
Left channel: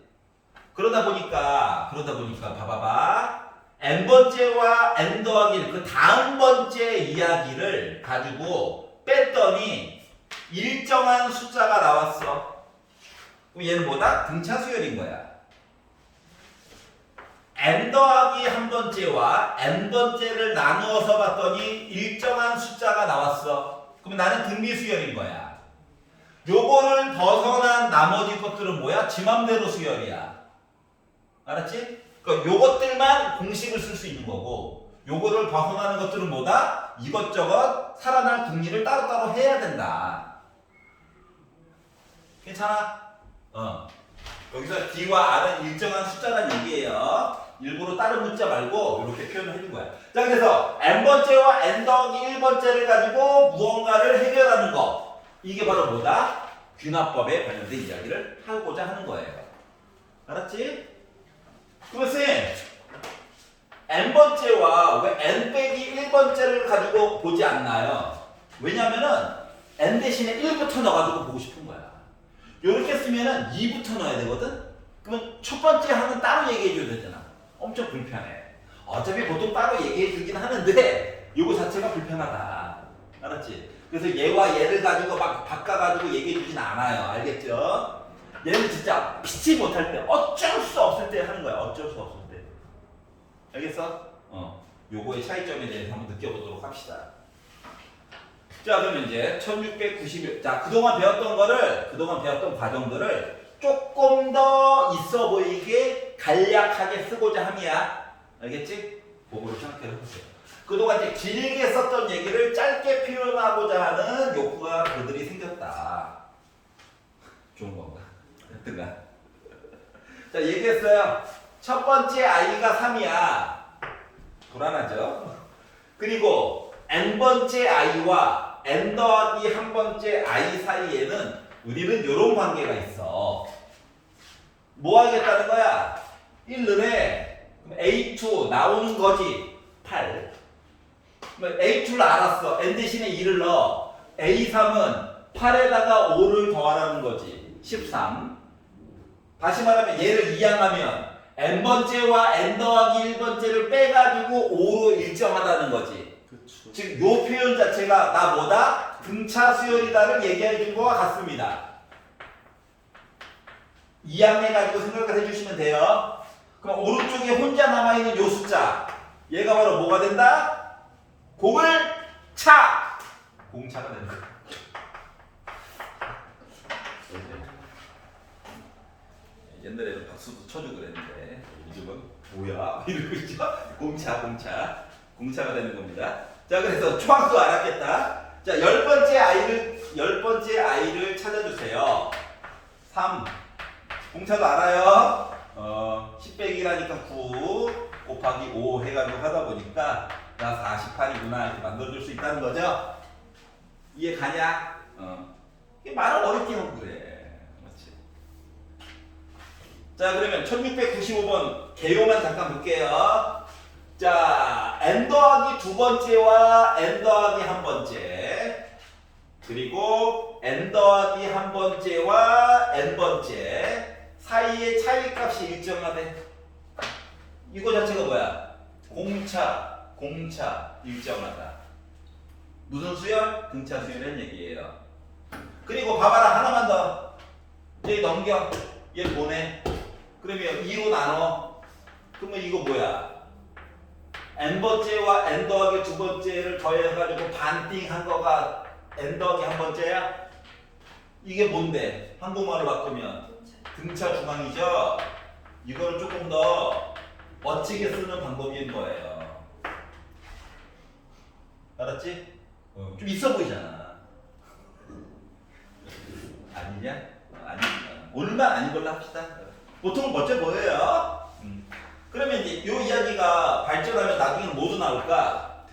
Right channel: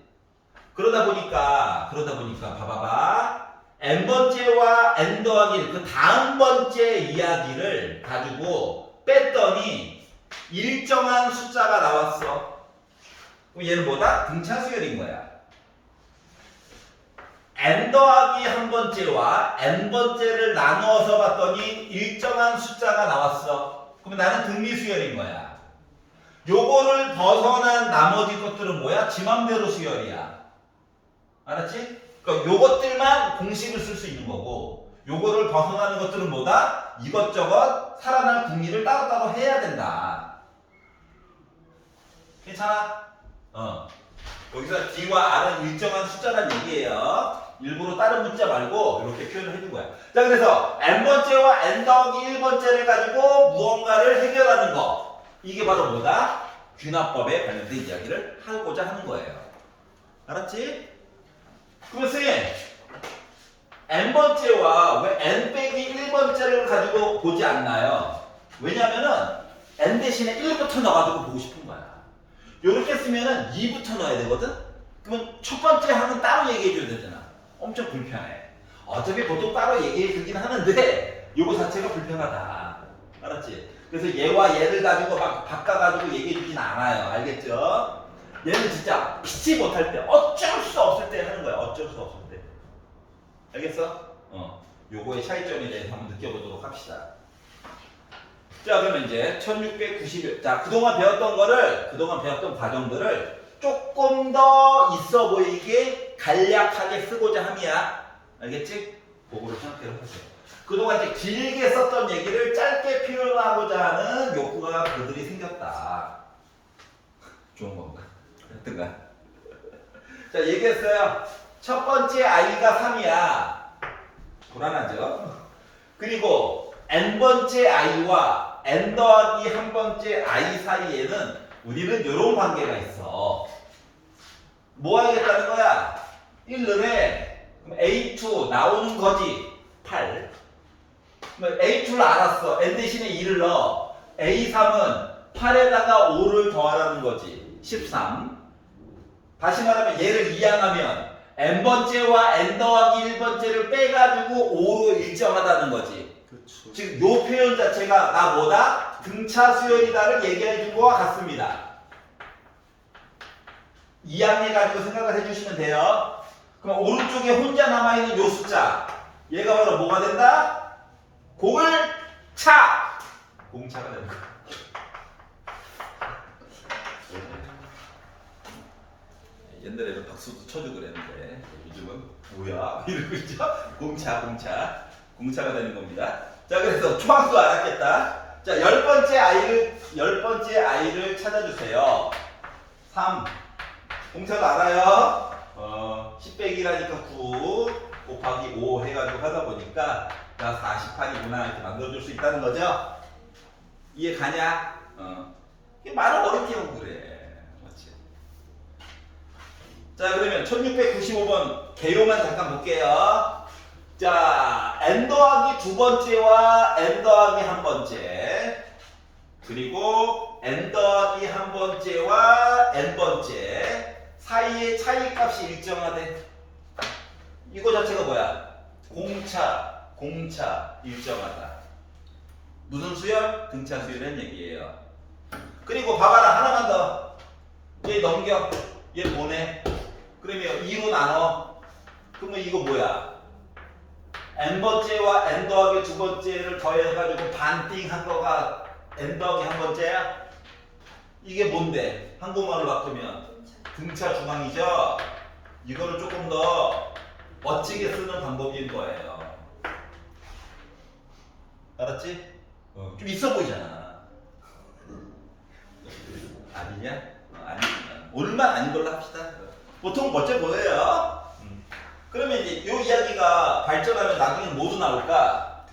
그러다 보니까 봐봐봐. n번째와 n 더하기 1, 그 다음 번째 이야기를 가지고 뺐더니 일정한 숫자가 나왔어. 그럼 얘는 뭐다? 등차 수열인 거야. n 더하기 한 번째와 n 번째를 나누어서 봤더니 일정한 숫자가 나왔어. 그럼 나는 등비 수열인 거야. 요거를 벗어난 나머지 것들은 뭐야? 지 맘대로 수열이야. 알았지? 그러니까 요것들만 공식을 쓸 수 있는 거고, 요거를 벗어나는 것들은 뭐다? 이것저것 살아날 궁리를 따로따로 해야 된다. 괜찮아? 여기서 D와 R은 일정한 숫자란 얘기예요. 일부러 다른 문자 말고 이렇게 표현을 해준 거야. 자, 그래서 n번째와 n 더하기 1번째를 가지고 무언가를 해결하는 거. 이게 바로 뭐다? 귀납법에 관련된 이야기를 하고자 하는 거예요. 알았지? 그러면 쌤, n번째와 왜 n 빼기 1번째를 가지고 보지 않나요? 왜냐면은 n 대신에 1부터 넣어가지고 보고 싶은 거야. 요렇게 쓰면은 2부터 넣어야 되거든? 그러면 첫 번째 항은 따로 얘기해줘야 되잖아. 엄청 불편해. 어차피 보통 따로 얘기해주긴 하는데 요거 자체가 불편하다. 알았지? 그래서 얘와 얘를 가지고 막 바꿔가지고 얘기해주진 않아요. 알겠죠? 얘는 진짜 피치 못할 때, 어쩔 수 없을 때 하는 거야. 어쩔 수 없을 때. 알겠어? 요거의 차이점에 대해서 한번 느껴보도록 합시다. 자, 그러면 이제 1691. 자, 그동안 배웠던 과정들을 조금 더 있어 보이게 간략하게 쓰고자 함이야. 알겠지? 그거를 생각해 보세요. 그동안 이제 길게 썼던 얘기를 짧게 표현하고자 하는 욕구가 그들이 생겼다. 좋은 건가? 하여튼간. 자, 얘기했어요. 첫 번째 i가 3이야. 불안하죠? 그리고 n번째 i와 n 더하기 한 번째 i 사이에는 우리는 이런 관계가 있어. 뭐 하겠다는 거야? 1을 해. 그럼 A2 나오는 거지. 8. 그럼 A2를 알았어. n 대신에 2를 넣어. A3은 8에다가 5를 더하라는 거지. 13. 다시 말하면 얘를 이항하면 n번째와 n 더하기 1번째를 빼가지고 5로 일정하다는 거지. 그쵸. 지금 요 표현 자체가 나 뭐다? 등차 수열이다를 얘기해 준 거와 같습니다. 이항해 가지고 생각을 해주시면 돼요. 그럼 오른쪽에 혼자 남아있는 요 숫자, 얘가 바로 뭐가 된다? 공차! 공차가 되는 거야. 옛날에는 박수도 쳐주고 그랬는데 요즘은 뭐야? 이러고 있죠? 공차가 되는 겁니다. 자, 그래서 초항수 알았겠다. 자, 열 번째 아이를 찾아주세요. 3. 공차도 알아요. 10 빼기라니까 9 곱하기 5 해가지고 하다 보니까 나 48이구나 이렇게 만들어줄 수 있다는 거죠. 이해 가냐? 이게 말을 어렵게 하면 그래. 맞지? 자, 그러면 1695번 개요만 잠깐 볼게요. 자, n 더하기 두 번째와 n 더하기 한 번째, 그리고 n 더하기 한 번째와 n 번째 사이의 차이값이 일정하대. 이거 자체가 뭐야? 공차 일정하다. 무슨 수열? 등차 수열이라는 얘기예요. 그리고 봐봐라, 하나만 더. 얘 넘겨. 얘 보내. 그러면 2로 나눠. 그러면 이거 뭐야? n번째와 n 더하기 두 번째를 더해가지고 반띵한 거가 n 더하기 한 번째야? 이게 뭔데? 한국말로 바꾸면 등차 중앙이죠? 이거를 조금 더 멋지게 쓰는 방법인 거예요. 알았지? 좀 있어 보이잖아. 아니냐? 아니지만 오늘만 아닌 걸로 합시다. 보통 멋져 보여요. 그러면 이제 이 이야기가 발전하면 나중에는 뭐도 나올까?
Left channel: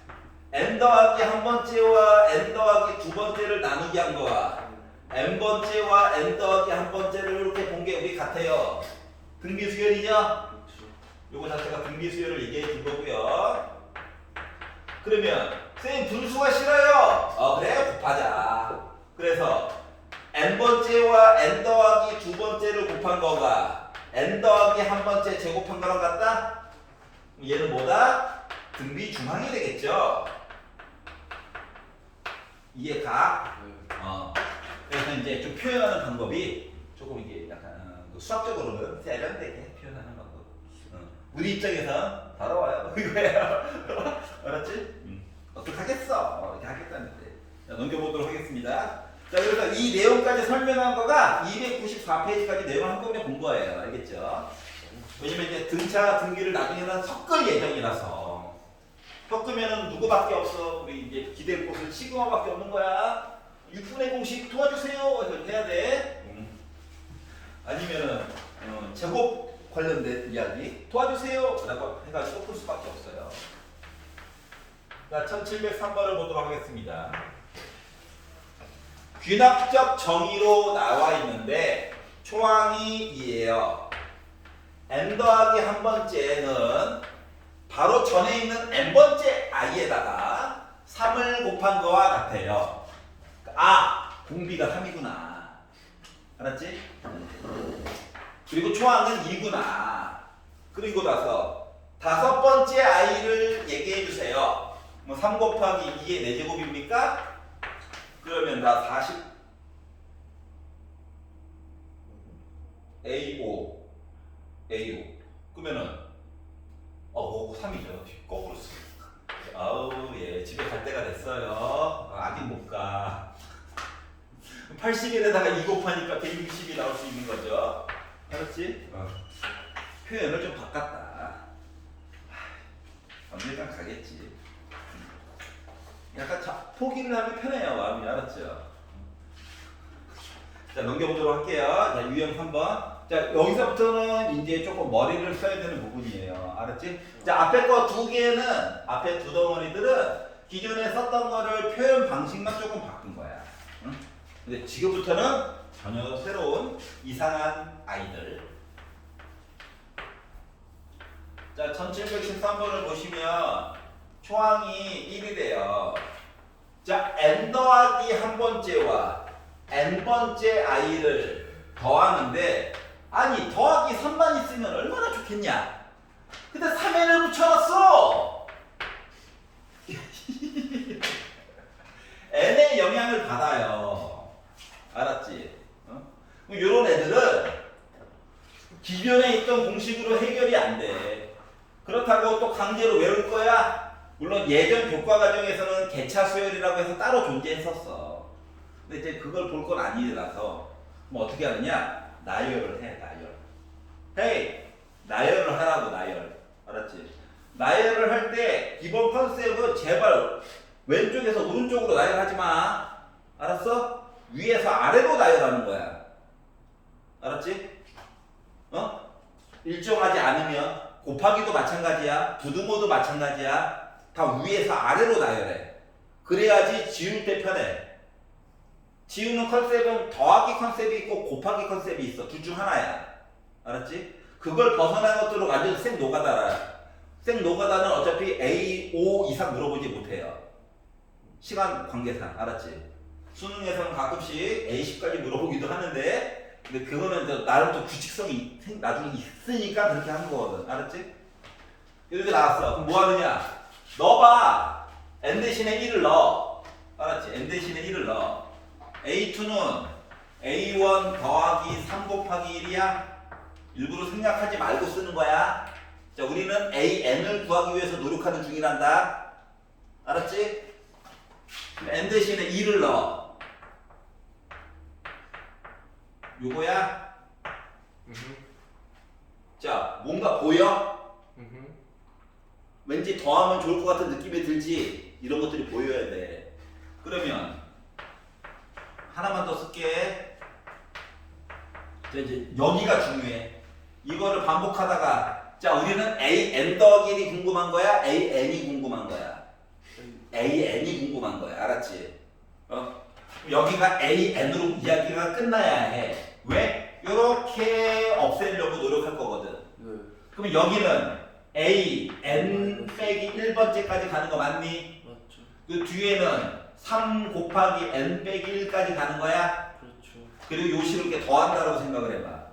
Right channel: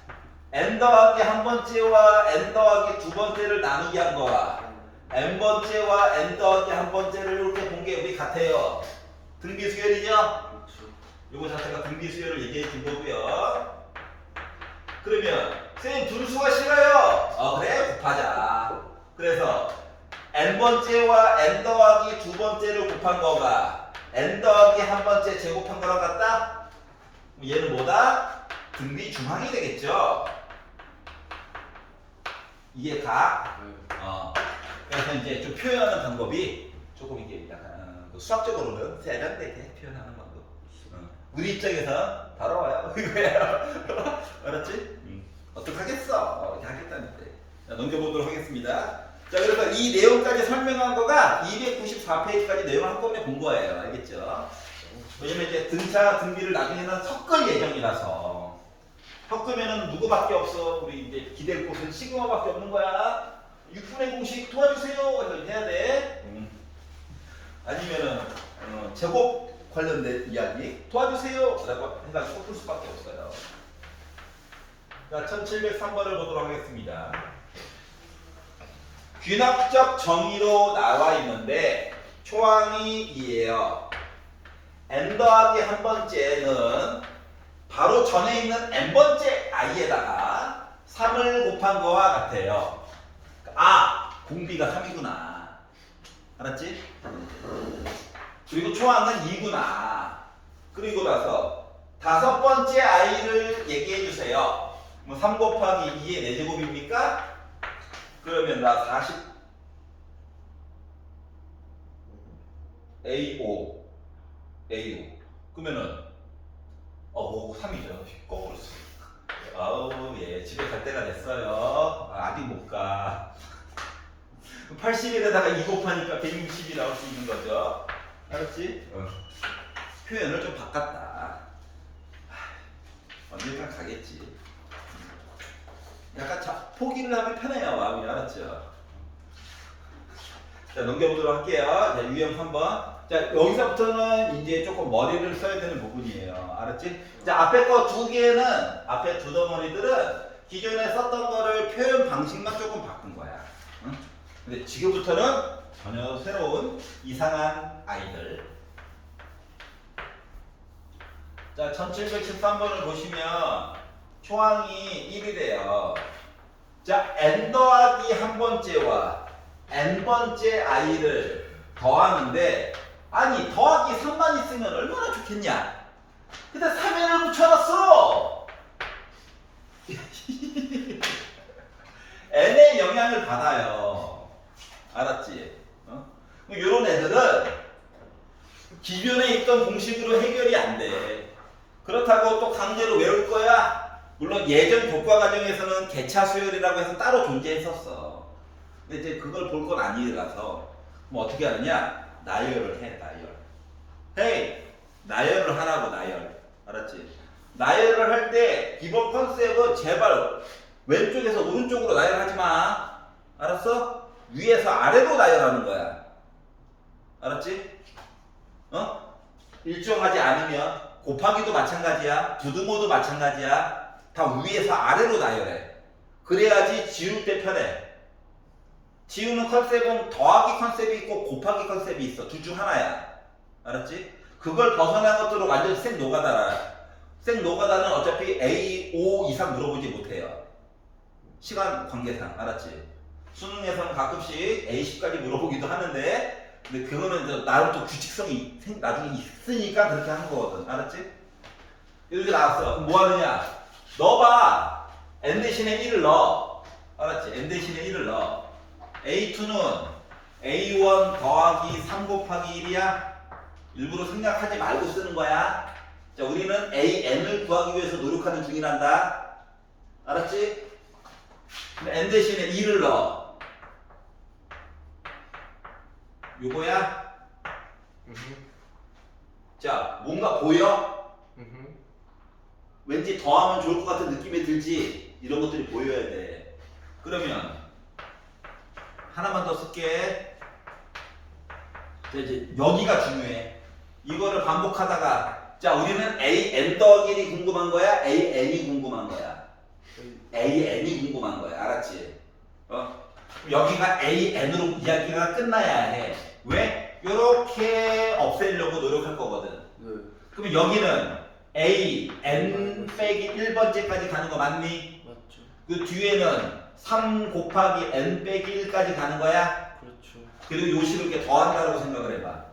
n 더하기 한 번째와 n 더하기 두 번째를 나누기 한 거와 n 번째와 n 더하기 한 번째를 이렇게 본 게 우리 같아요. 등비수열이죠? 그쵸. 요거 자체가 등비수열을 얘기해 준 거고요. 그러면 쌤 분수가 싫어요. 그래 곱하자. 그래서 n 번째와 n 더하기 두 번째를 곱한 거가 n 더하기 한 번째 제곱한 거랑 같다? 얘는 뭐다? 등비 중항이 되겠죠? 이해가? 네. 그래서 이제 좀 표현하는 방법이 조금 이게 약간 수학적으로는 세련되게 표현하는 방법. 우리 입장에서 바로 와요. 이거예요. 알았지? 어떡하겠어? 이렇게 하겠다는데. 자, 넘겨보도록 하겠습니다. 자, 그래서 이 내용까지 설명한 거가 294페이지까지 내용을 한꺼번에 본 거예요. 알겠죠? 왜냐면 이제 등차, 등비를 나중에는 섞을 예정이라서. 섞으면은 누구밖에 없어. 우리 이제 기댈 곳은 시그마밖에 없는 거야. 6분의 공식 도와주세요. 이렇게 해야 돼. 아니면은 제곱 관련된 이야기 도와주세요 라고 해가지고 풀 수밖에 없어요. 자, 1703번을 보도록 하겠습니다. 균학적 정의로 나와 있는데 초항이 이에요. n 더하기 한 번째는 바로 전에 있는 n번째 i에다가 3을 곱한 거와 같아요. 아, 공비가 3이구나. 알았지? 그리고 초항은 2구나. 그리고 나서 다섯 번째 i를 얘기해 주세요. 뭐 3 곱하기 2의 4제곱입니까? 그러면 나 40 A5 그러면은 3이죠. 거꾸로 쓰. 아우 예 집에 갈 때가 됐어요. 아직 못 가. 80일에다가 2 곱하니까 160이 나올 수 있는 거죠. 알았지? 표현을 좀 바꿨다. 언젠간 가겠지. 약간 포기를 하면 편해요 마음이. 알았죠? 자 넘겨보도록 할게요. 자 유형 3번. 자 여기서부터는 이제 조금 머리를 써야 되는 부분이에요. 알았지? 자 앞에 거 두 개는 앞에 두 덩어리들은 기존에 썼던 거를 표현 방식만 조금 바꾼 거야. 응? 근데 지금부터는 전혀 새로운 이상한 아이들. 자 1713번을 보시면 초항이 1이래요. 자 n 더하기 한 번째와 n번째 i를 더하는데 아니 더하기 3만 있으면 얼마나 좋겠냐. 근데 3n을 붙여놨어. n의 영향을 받아요. 알았지? 이런 애들은 기존에 있던 공식으로 해결이 안 돼. 그렇다고 또 강제로 외울 거야? 물론 예전 교과 과정에서는 개차 수열이라고 해서 따로 존재했었어. 근데 이제 그걸 볼 건 아니라서 뭐 어떻게 하느냐? 나열을 해. 나열. 헤이! 나열을 하라고. 나열. 알았지? 나열을 할 때 기본 컨셉은 제발 왼쪽에서 오른쪽으로 나열하지 마. 알았어? 위에서 아래로 나열하는 거야. 알았지? 일정하지 않으면 곱하기도 마찬가지야. 부등호도 마찬가지야. 다 위에서 아래로 나열해. 그래야지 지울 때 편해. 지우는 컨셉은 더하기 컨셉이 있고 곱하기 컨셉이 있어. 둘 중 하나야. 알았지? 그걸 벗어난 것들은 완전 생 노가다라. 생 노가다는 어차피 A5 이상 물어보지 못해요. 시간 관계상. 알았지? 수능에서는 가끔씩 A10까지 물어보기도 하는데 근데 그거는 이제 나름 또 규칙성이 나중에 있으니까 그렇게 하는 거거든. 알았지? 이렇게 나왔어. 그럼 뭐 하느냐? 넣어봐. n 대신에 1을 넣어. 알았지? n 대신에 1을 넣어. A2는 A1 더하기 3 곱하기 1이야. 일부러 생략하지 말고 쓰는 거야. 자, 우리는 AN을 구하기 위해서 노력하는 중이란다. 알았지? n 대신에 2를 넣어. 요거야? 자, 뭔가 보여? 왠지 더하면 좋을 것 같은 느낌이 들지? 이런 것들이 보여야 돼. 그러면 하나만 더 쓸게. 자, 이제 여기가 중요해. 이거를 반복하다가 자, 우리는 AN 더하기 1이 궁금한 거야? AN이 궁금한 거야? AN이 궁금한 거야. 알았지? 여기가 AN으로 이야기가 끝나야 해. 왜? 요렇게 없애려고 노력할 거거든. 그러면 여기는 AN 빼기 1번째까지 가는 거 맞니? 맞죠. 그 뒤에는 3 곱하기 N 빼기 1까지 가는 거야? 그렇죠. 그리고 요식을 이렇게 더한다고 생각을 해봐.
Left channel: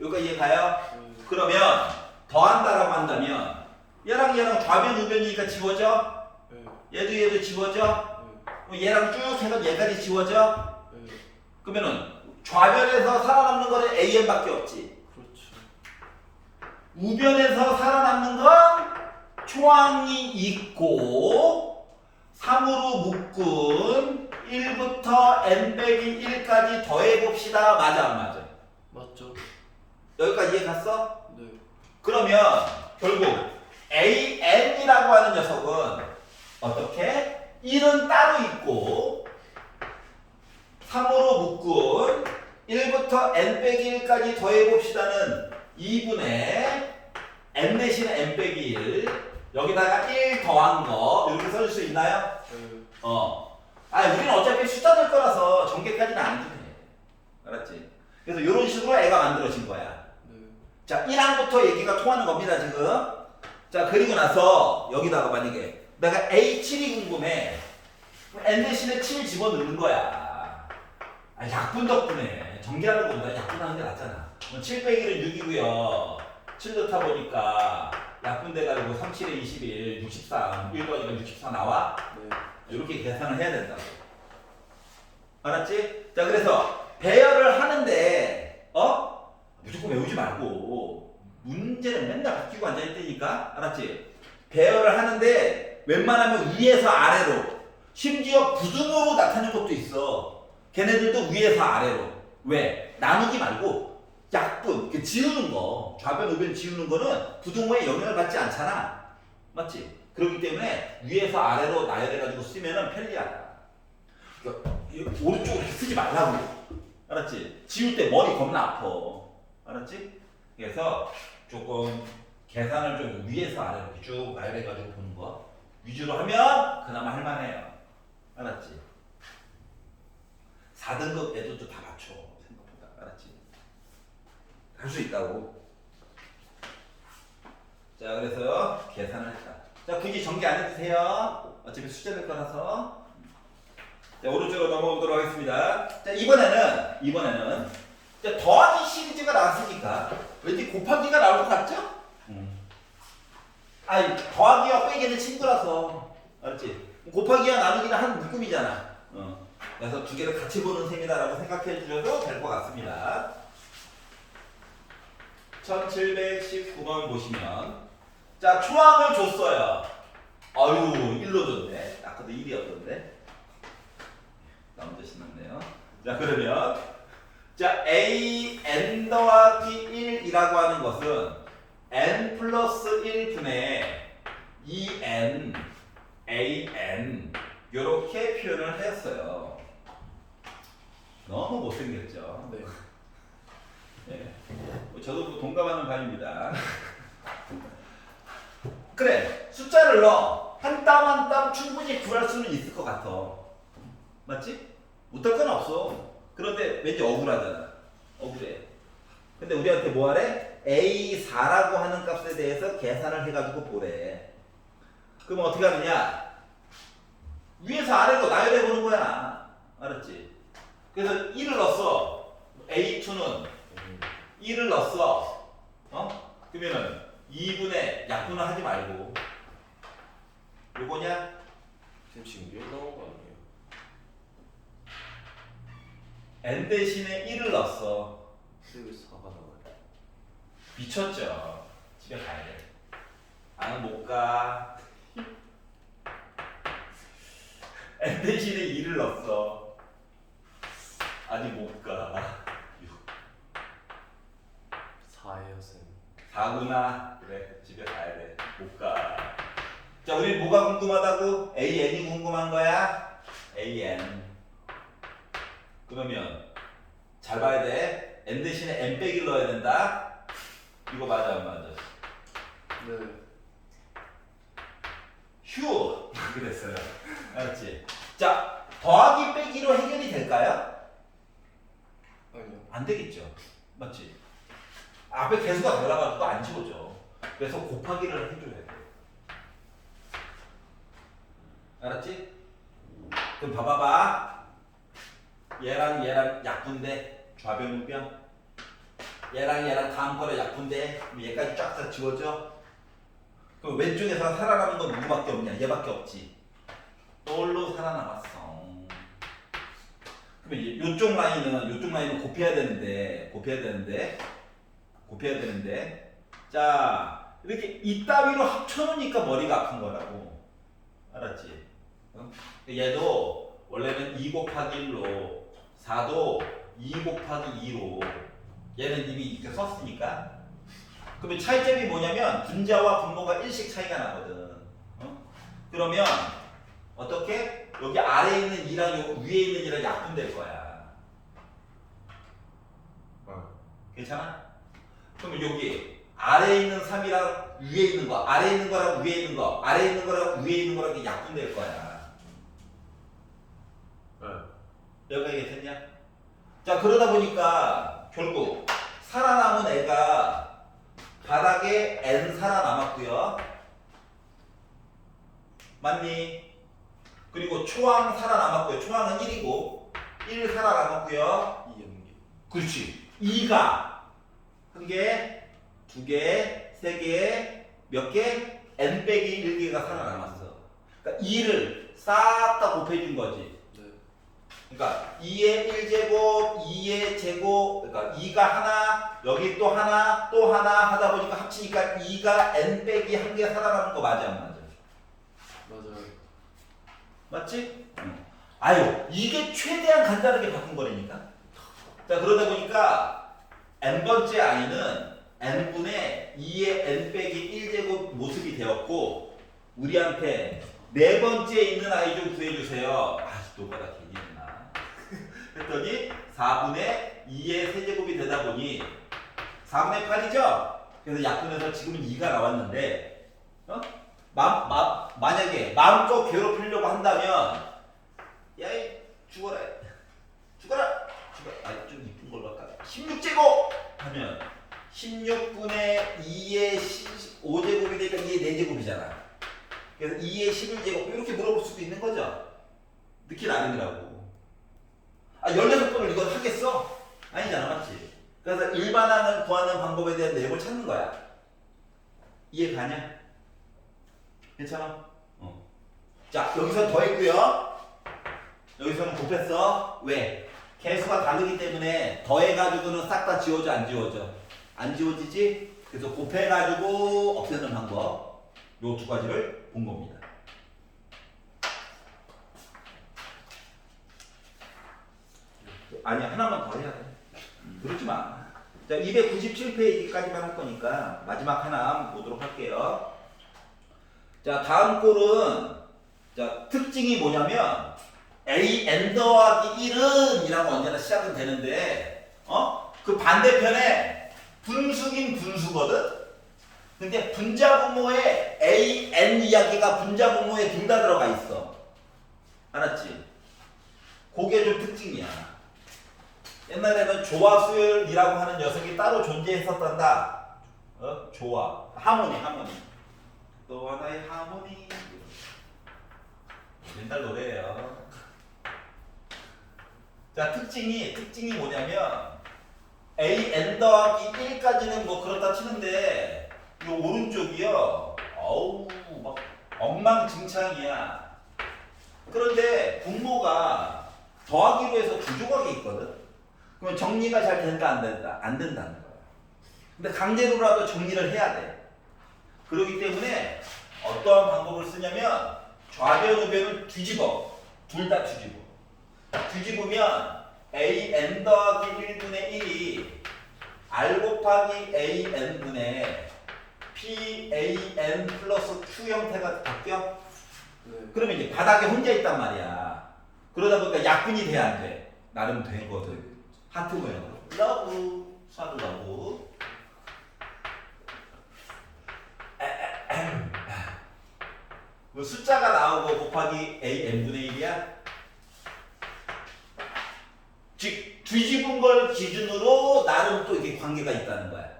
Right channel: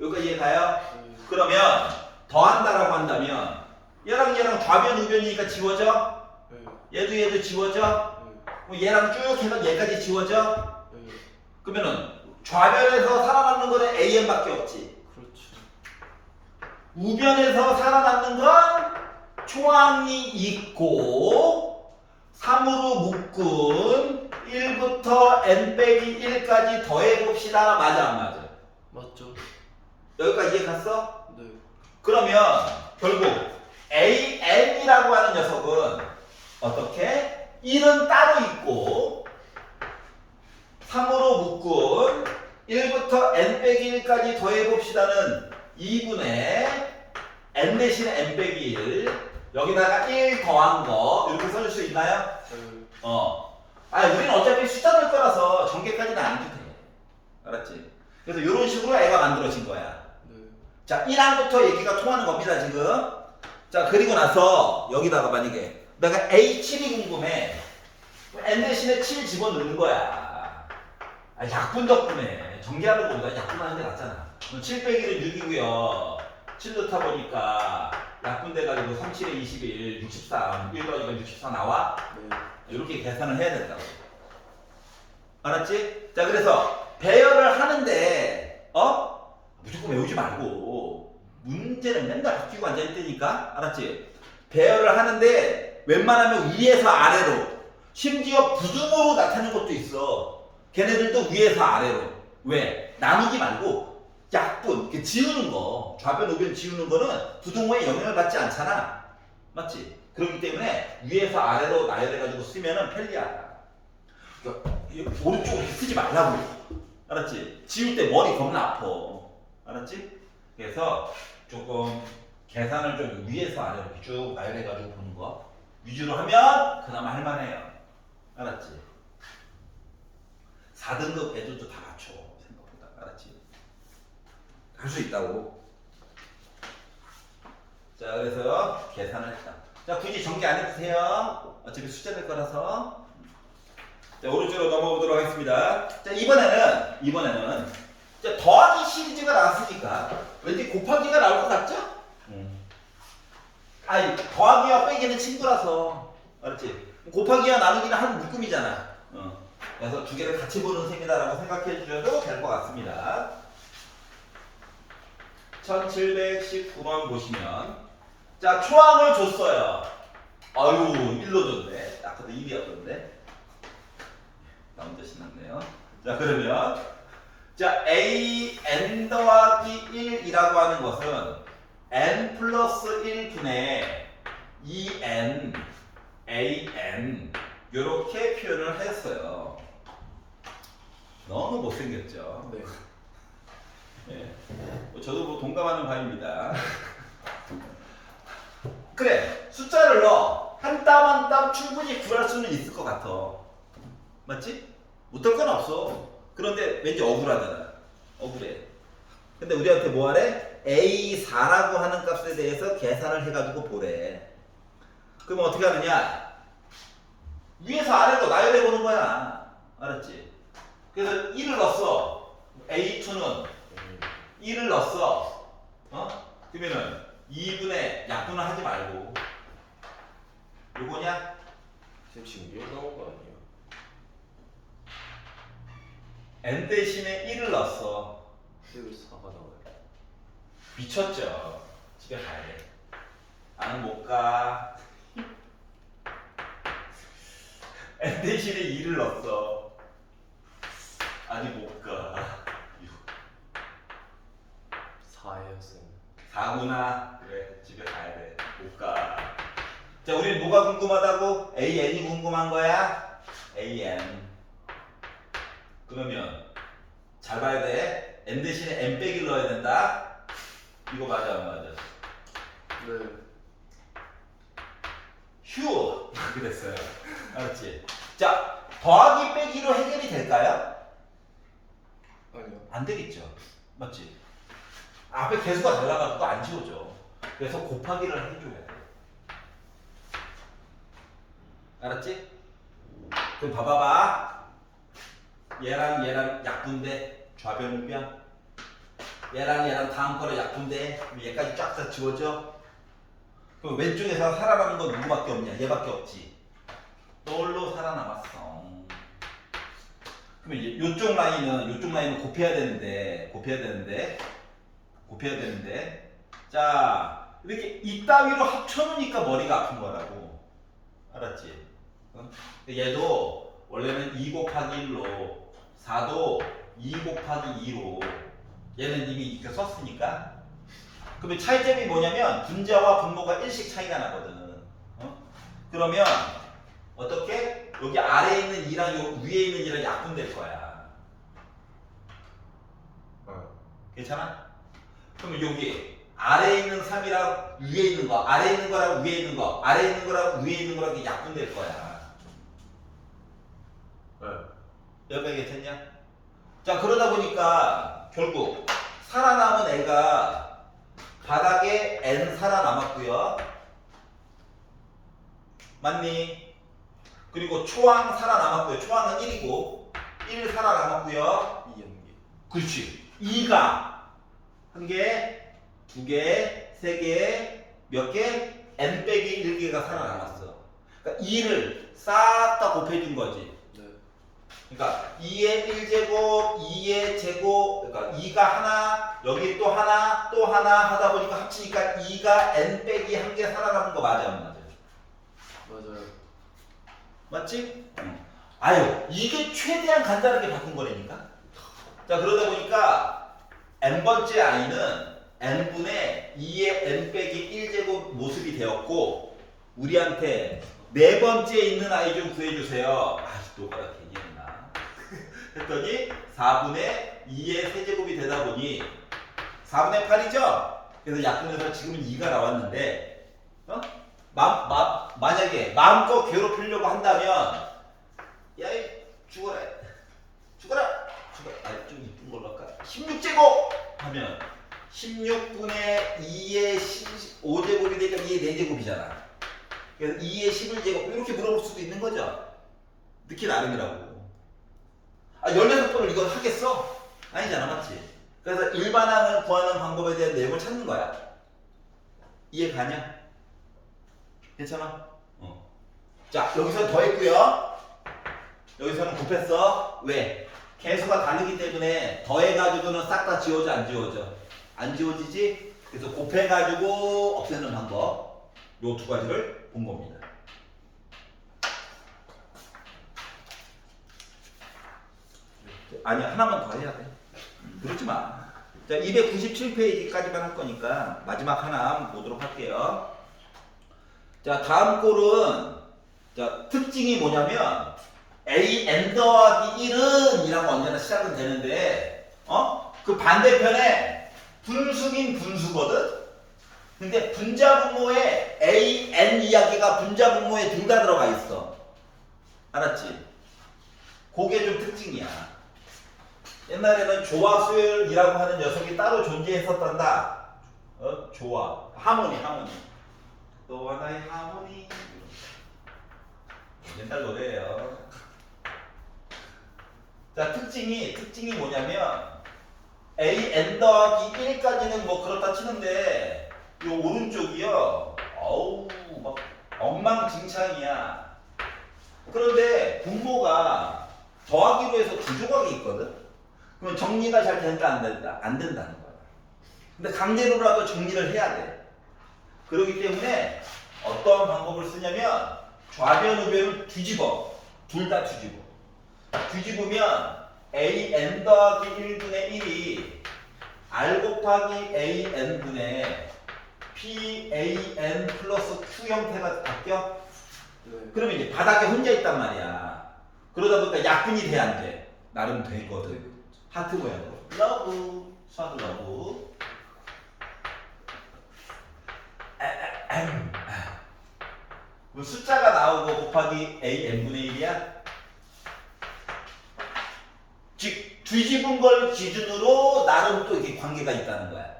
여기까지 이해 가요? 그러면 더한다라고 한다면 얘랑 좌변 우변이니까 지워져? 얘도 지워져? 얘랑 쭉 해서 얘까지 지워져? 그러면은 좌변에서 살아남는 거는 AN밖에 없지. 그렇죠. 우변에서 살아남는 건 초항이 있고 3으로 묶은 1부터 n 빼기 1까지 더해봅시다. 맞아 안 맞아? 맞죠. 여기까지 이해 갔어? 네. 그러면 결국 AN이라고 하는 녀석은 어떻게? 1은 따로 있고 3으로 묶은 1부터 0부터 n 빼기 1까지 더해봅시다는 2분의 n 대신에 n 빼기 1 여기다가 1 더한 거 이렇게 써줄 수 있나요? 우리는 어차피 숫자 될 거라서 전개까지는 안 해도 돼. 알았지? 그래서 이런 식으로 애가 만들어진 거야. 네. 자, 1항부터 얘기가 통하는 겁니다, 지금. 자, 그리고 나서 여기다가 만약에 내가 A7이 궁금해. 그럼 N 대신에 7 집어넣는 거야. 약분 덕분에 전개하는 것보다 약분하는 게 낫잖아. 7 빼기는 6이고요. 7 넣다 보니까 약분돼가지고 3, 7에 21, 64, 1 더하니까 64 나와? 네. 이렇게 계산을 해야 된다고. 알았지? 자, 그래서 배열을 하는데 무조건 외우지 말고 문제는 맨날 바뀌고 앉아있으니까 알았지? 배열을 하는데 웬만하면 위에서 아래로 심지어 부등호로 나타내는 것도 있어. 걔네들도 위에서 아래로. 왜? 나누기 말고 약분, 지우는 거, 좌변, 우변 지우는 거는 부등호에 영향을 받지 않잖아. 맞지? 그렇기 때문에 위에서 아래로 나열해가지고 쓰면은 편리하다. 그러니까 오른쪽으로 이렇게 쓰지 말라고. 알았지? 지울 때 머리 겁나 아파. 알았지? 그래서 조금 계산을 좀 위에서 아래로 이렇게 쭉 나열해가지고 보는 거 위주로 하면 그나마 할만해요. 알았지? 4등급 애들도 다 맞춰. 생각보다. 알았지? 할 수 있다고. 자, 그래서 계산을 했다. 자, 굳이 전개 안 해도 돼요. 어차피 숫자 될 거라서. 자, 오른쪽으로 넘어가 보도록 하겠습니다. 자, 이번에는 자, 더하기 시리즈가 나왔으니까 왠지 곱하기가 나올 것 같죠? 아니, 더하기와 빼기는 친구라서. 알았지? 곱하기와 나누기는 한 묶음이잖아. 그래서 두 개를 같이 보는 셈이다라고 생각해 주셔도 될 것 같습니다. 1719번 보시면 자, 초항을 줬어요. 아유, 1로 줬네. 아까도 1이었던데. 나 혼자 신났네요. 자, 그러면 자, a n 더하기 1이라고 하는 것은 n 플러스 1분의 2n a n 이렇게 표현을 했어요. 너무 못생겼죠? 네. 네. 저도 뭐 동감하는 바입니다. 그래, 숫자를 넣어. 한 땀 한 땀 충분히 구할 수는 있을 것 같아. 맞지? 못할 건 없어. 그런데 왠지 억울하잖아. 억울해. 근데 우리한테 뭐 하래? A4라고 하는 값에 대해서 계산을 해가지고 보래. 그러면 어떻게 하느냐? 위에서 아래로 나열해 보는 거야. 알았지? 그래서 1을 넣었어. A2는 1을 넣었어. 그러면은 2분의 약분을 하지 말고 요거냐? 지금 1 나온 거 아니에요? n 대신에 1을 넣었어. 근데 왜 4가 나와요? 미쳤죠? 집에 가야 돼. 나는 못 가. n 대신에 2를 넣었어. 아니 못 가. 4예요, 쌤. 4구나. 그래, 집에 가야 돼. 못 가. 자, 우리 뭐가 궁금하다고? AN이 궁금한 거야? AN. 그러면 잘 봐야 돼. n 대신에 n 빼기를 넣어야 된다. 이거 맞아 안 맞아? 네. 휴! 그랬어요. 알았지? 자, 더하기 빼기로 해결이 될까요? 아니요. 안 되겠죠. 맞지? 앞에 개수가 달라가지고 안 지워져. 그래서 곱하기를 해줘야 돼. 알았지? 그럼 봐봐봐. 얘랑 얘랑 약분돼. 좌변 우변. 얘랑 다음 거래 약분돼. 그럼 얘까지 쫙 다 지워져. 그럼 왼쪽에서 살아남은 건 누구밖에 없냐? 얘밖에 없지. 널로 살아남았어. 그러면 요쪽 라인은 곱해야 되는데 자, 이렇게 이따위로 합쳐놓으니까 머리가 아픈 거라고. 알았지? 얘도 원래는 2 곱하기 1로 4도 2 곱하기 2로 얘는 이미 이렇게 썼으니까. 그러면 차이점이 뭐냐면 분자와 분모가 1씩 차이가 나거든. 그러면 어떻게? 여기 아래에 있는 2랑 요 위에 있는 2랑 약분될 거야. 괜찮아? 그러면 여기 아래에 있는 3이랑 위에 있는 거, 아래에 있는 거랑 위에 있는 거, 아래에 있는 거랑 위에 있는 거랑 이게 약분될 거야. 네. 여기까지 괜찮냐? 자, 그러다 보니까 결국 살아남은 애가 바닥에 n 살아남았고요. 맞니? 그리고 초항 살아남았고요. 초항은 1이고 1 살아남았고요. 이 연기. 그렇지. 2가 한 개, 두 개, 세 개, 몇 개? n 빼기 1개가 살아남았어. 그러니까 2를 싹 다 곱해준 거지. 네. 그러니까 2의 1제곱, 2의 제곱, 그러니까 2가 하나, 여기 또 하나, 또 하나 하다 보니까 합치니까 2가 n 빼기 1개 살아남은 거 맞아, 안 맞아? 맞아요. 맞지? 아유, 이게 최대한 간단하게 바꾼 거라니까. 자, 그러다 보니까 n번째 i는 n분의 2의 n 빼기 1제곱 모습이 되었고, 우리한테 네 번째에 있는 i 좀 구해주세요. 아, 노가다 괜히 했나. 했더니 4분의 2의 세제곱이 되다 보니 4분의 8이죠? 그래서 약분해서 지금은 2가 나왔는데, 만약에 마음껏 괴롭히려고 한다면, 야, 이 죽어라. 죽어라. 아, 좀 이쁜 걸로 할까? 16제곱! 하면 16분의 2의 15제곱이 되니까 2의 4제곱이잖아. 그래서 2의 11제곱 이렇게 물어볼 수도 있는 거죠. 느낌 나름이라고. 아, 16번을 이걸 하겠어? 아니잖아, 맞지? 그래서 일반항을 구하는 방법에 대한 내용을 찾는 거야. 이해 가냐? 괜찮아? 자, 여기서 더했고요. 여기서는 곱했어. 왜? 개수가 다르기 때문에 더해가지고는 싹 다 지워져, 안 지워져? 안 지워지지? 그래서 곱해가지고 없애는 방법. 요 두 가지를 본 겁니다. 아니, 하나만 더 해야 돼. 그러지 마. 자, 297페이지까지만 할 거니까 마지막 하나 보도록 할게요. 자, 다음 꼴은, 자, 특징이 뭐냐면 n 더하기 1은 이라고 언제나 시작은 되는데, 그 반대편에 분수긴 분수거든? 근데 분자분모에 n 이야기가 분자분모에 둘 다 들어가 있어. 알았지? 그게 좀 특징이야. 옛날에는 조화수열이라고 하는 녀석이 따로 존재했었단다. 조화. 하모니. 또 하나의 하모니. 옛날 노래예요. 자, 특징이 뭐냐면 n 더하기 1까지는 뭐 그렇다 치는데 이 오른쪽이요. 어우, 막 엉망진창이야. 그런데 분모가 더하기로 해서 두 조각이 있거든. 그러면 정리가 잘 된다, 안 된다? 안 된다는 거야. 근데 강제로라도 정리를 해야 돼. 그렇기 때문에 어떠한 방법을 쓰냐면 좌변 우변을 뒤집어. 둘 다 뒤집어. 뒤집으면 an 더하기 1분의 1이 r 곱하기 an분의 pan 플러스 q 형태가 바뀌어? 네. 그러면 이제 바닥에 혼자 있단 말이야. 그러다 보니까 약분이 돼, 안 돼? 나름 되거든. 하트 모양으로. 러브. 사도 러브. 뭐 숫자가 나오고 곱하기 n분의 1이야? 즉 뒤집은 걸 기준으로 나름 또 이렇게 관계가 있다는 거야.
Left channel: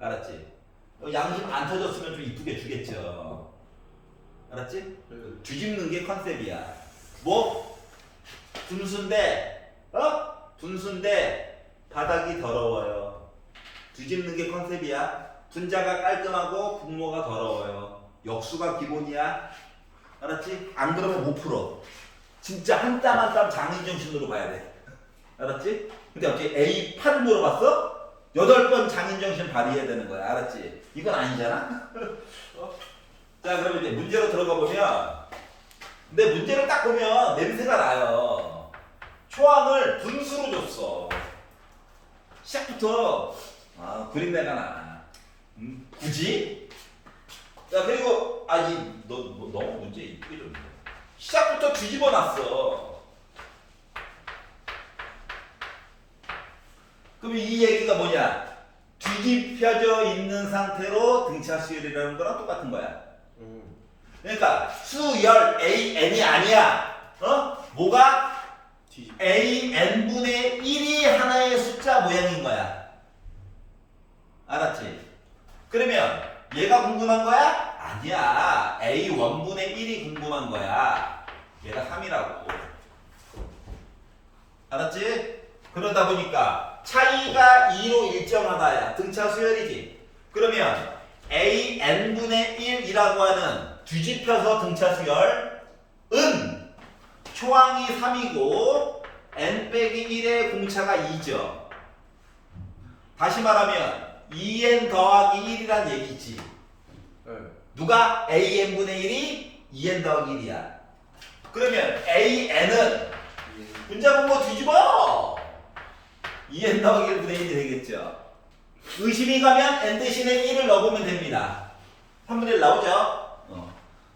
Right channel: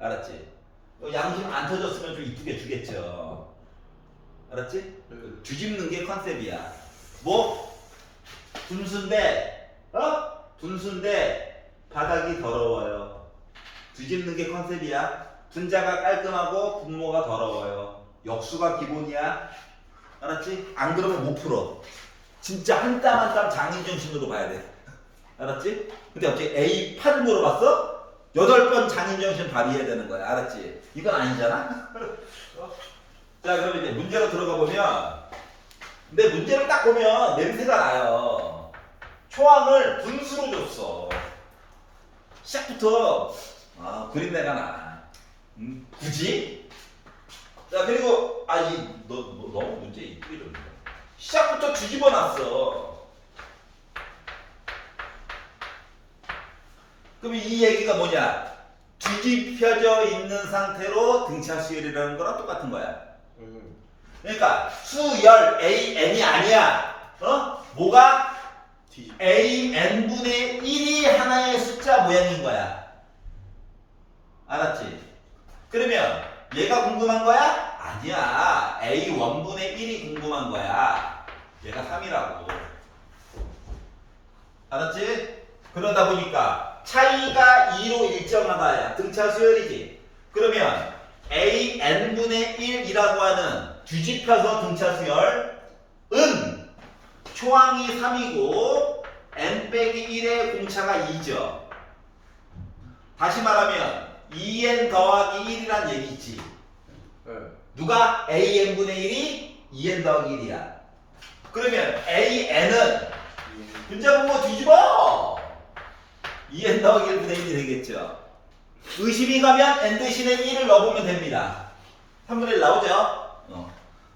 알았지? 양심 안 터졌으면 좀 이쁘게 주겠죠. 알았지? 뒤집는 게 컨셉이야. 뭐? 분수인데, 분수인데 바닥이 더러워요. 뒤집는 게 컨셉이야. 분자가 깔끔하고 분모가 더러워요. 역수가 기본이야. 알았지? 안 그러면 못 풀어. 진짜 한 땀 한 땀 장인정신으로 봐야 돼. 알았지? 근데 어떻게 A8을 물어봤어? 8번 장인정신 발휘해야 되는 거야. 알았지? 이건 아니잖아? 자, 그러면 이제 문제로 들어가 보면, 근데 문제를 딱 보면 냄새가 나요. 초항을 분수로 줬어. 시작부터 그린내가 나. 굳이? 자, 그리고 너 너무 문제 있고 이러는데 시작부터 뒤집어 놨어. 그럼 이 얘기가 뭐냐? 뒤집혀져 있는 상태로 등차 수열이라는 거랑 똑같은 거야. 그러니까 수열 AN이 아니야. 뭐가? 뒤집. AN분의 1이 하나의 숫자 모양인 거야. 알았지? 그러면 얘가 궁금한 거야? 아니야. A1분의 1이 궁금한 거야. 얘가 3이라고. 알았지? 그러다 보니까 차이가 2로 일정하다야. 등차 수열이지. 그러면 AN분의 1이라고 하는 뒤집혀서 등차 수열은 초항이 3이고 n 빼기 1의 공차가 2죠. 다시 말하면 2n 더하기 1이란 얘기지. 네. 누가 AN분의 1이 2n 더하기 1이야. 그러면 AN은 분자분모 뒤집어! 2n 더하기 1분의 1이 되겠죠. 의심이 가면 n 대신에 1을 넣어보면 됩니다. 3분의 1 나오죠?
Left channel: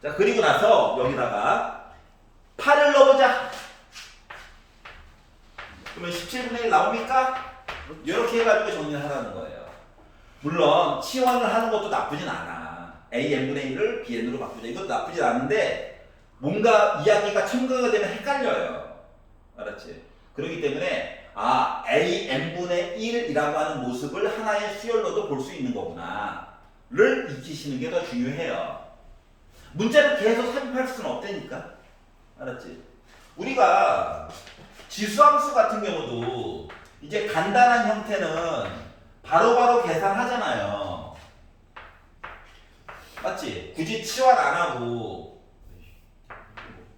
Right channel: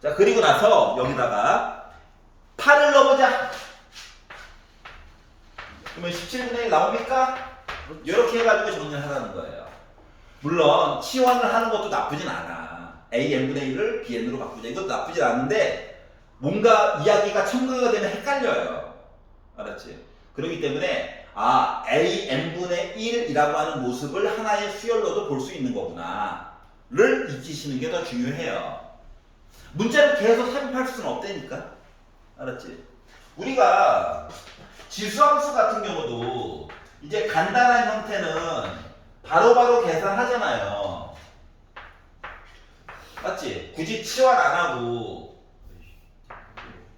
자, 그리고 나서 여기다가 8을 넣어보자. 그러면 17분의 1 나옵니까? 이렇게 해가지고 정리를 하라는 거예요. 물론 치환을 하는 것도 나쁘진 않아. AN분의 1을 BN으로 바꾸자. 이것도 나쁘진 않은데 뭔가 이야기가 첨가가 되면 헷갈려요. 알았지? 그렇기 때문에 AN분의 1이라고 하는 모습을 하나의 수열로도 볼 수 있는 거구나 를 익히시는 게 더 중요해요. 문자를 계속 삽입할 수는 없다니까. 알았지? 우리가 지수함수 같은 경우도 이제 간단한 형태는 바로바로 계산하잖아요. 맞지? 굳이 치환 안 하고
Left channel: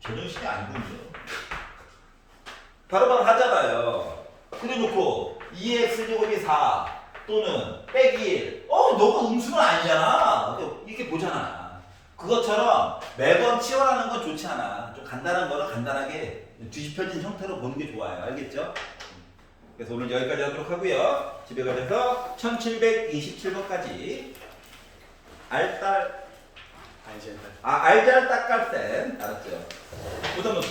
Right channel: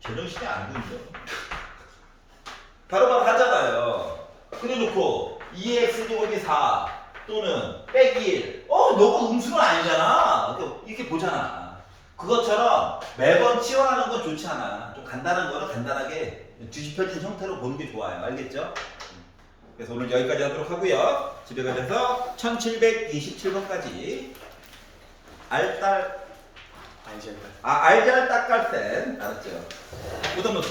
제정신이 안 군죠. 바로바로 하잖아요. 그래 놓고 2x 제곱이 4 또는 빼기 1. 너가 음수는 아니잖아. 이렇게 보잖아. 그것처럼 매번 치환하는 건 좋지 않아. 좀 간단한 거는 간단하게 뒤집혀진 형태로 보는 게 좋아요. 알겠죠? 그래서 오늘 여기까지 하도록 하고요. 집에 가셔서 1727번까지 알딸 알젠다. 알잘딱깔센 알았죠? 부담 노트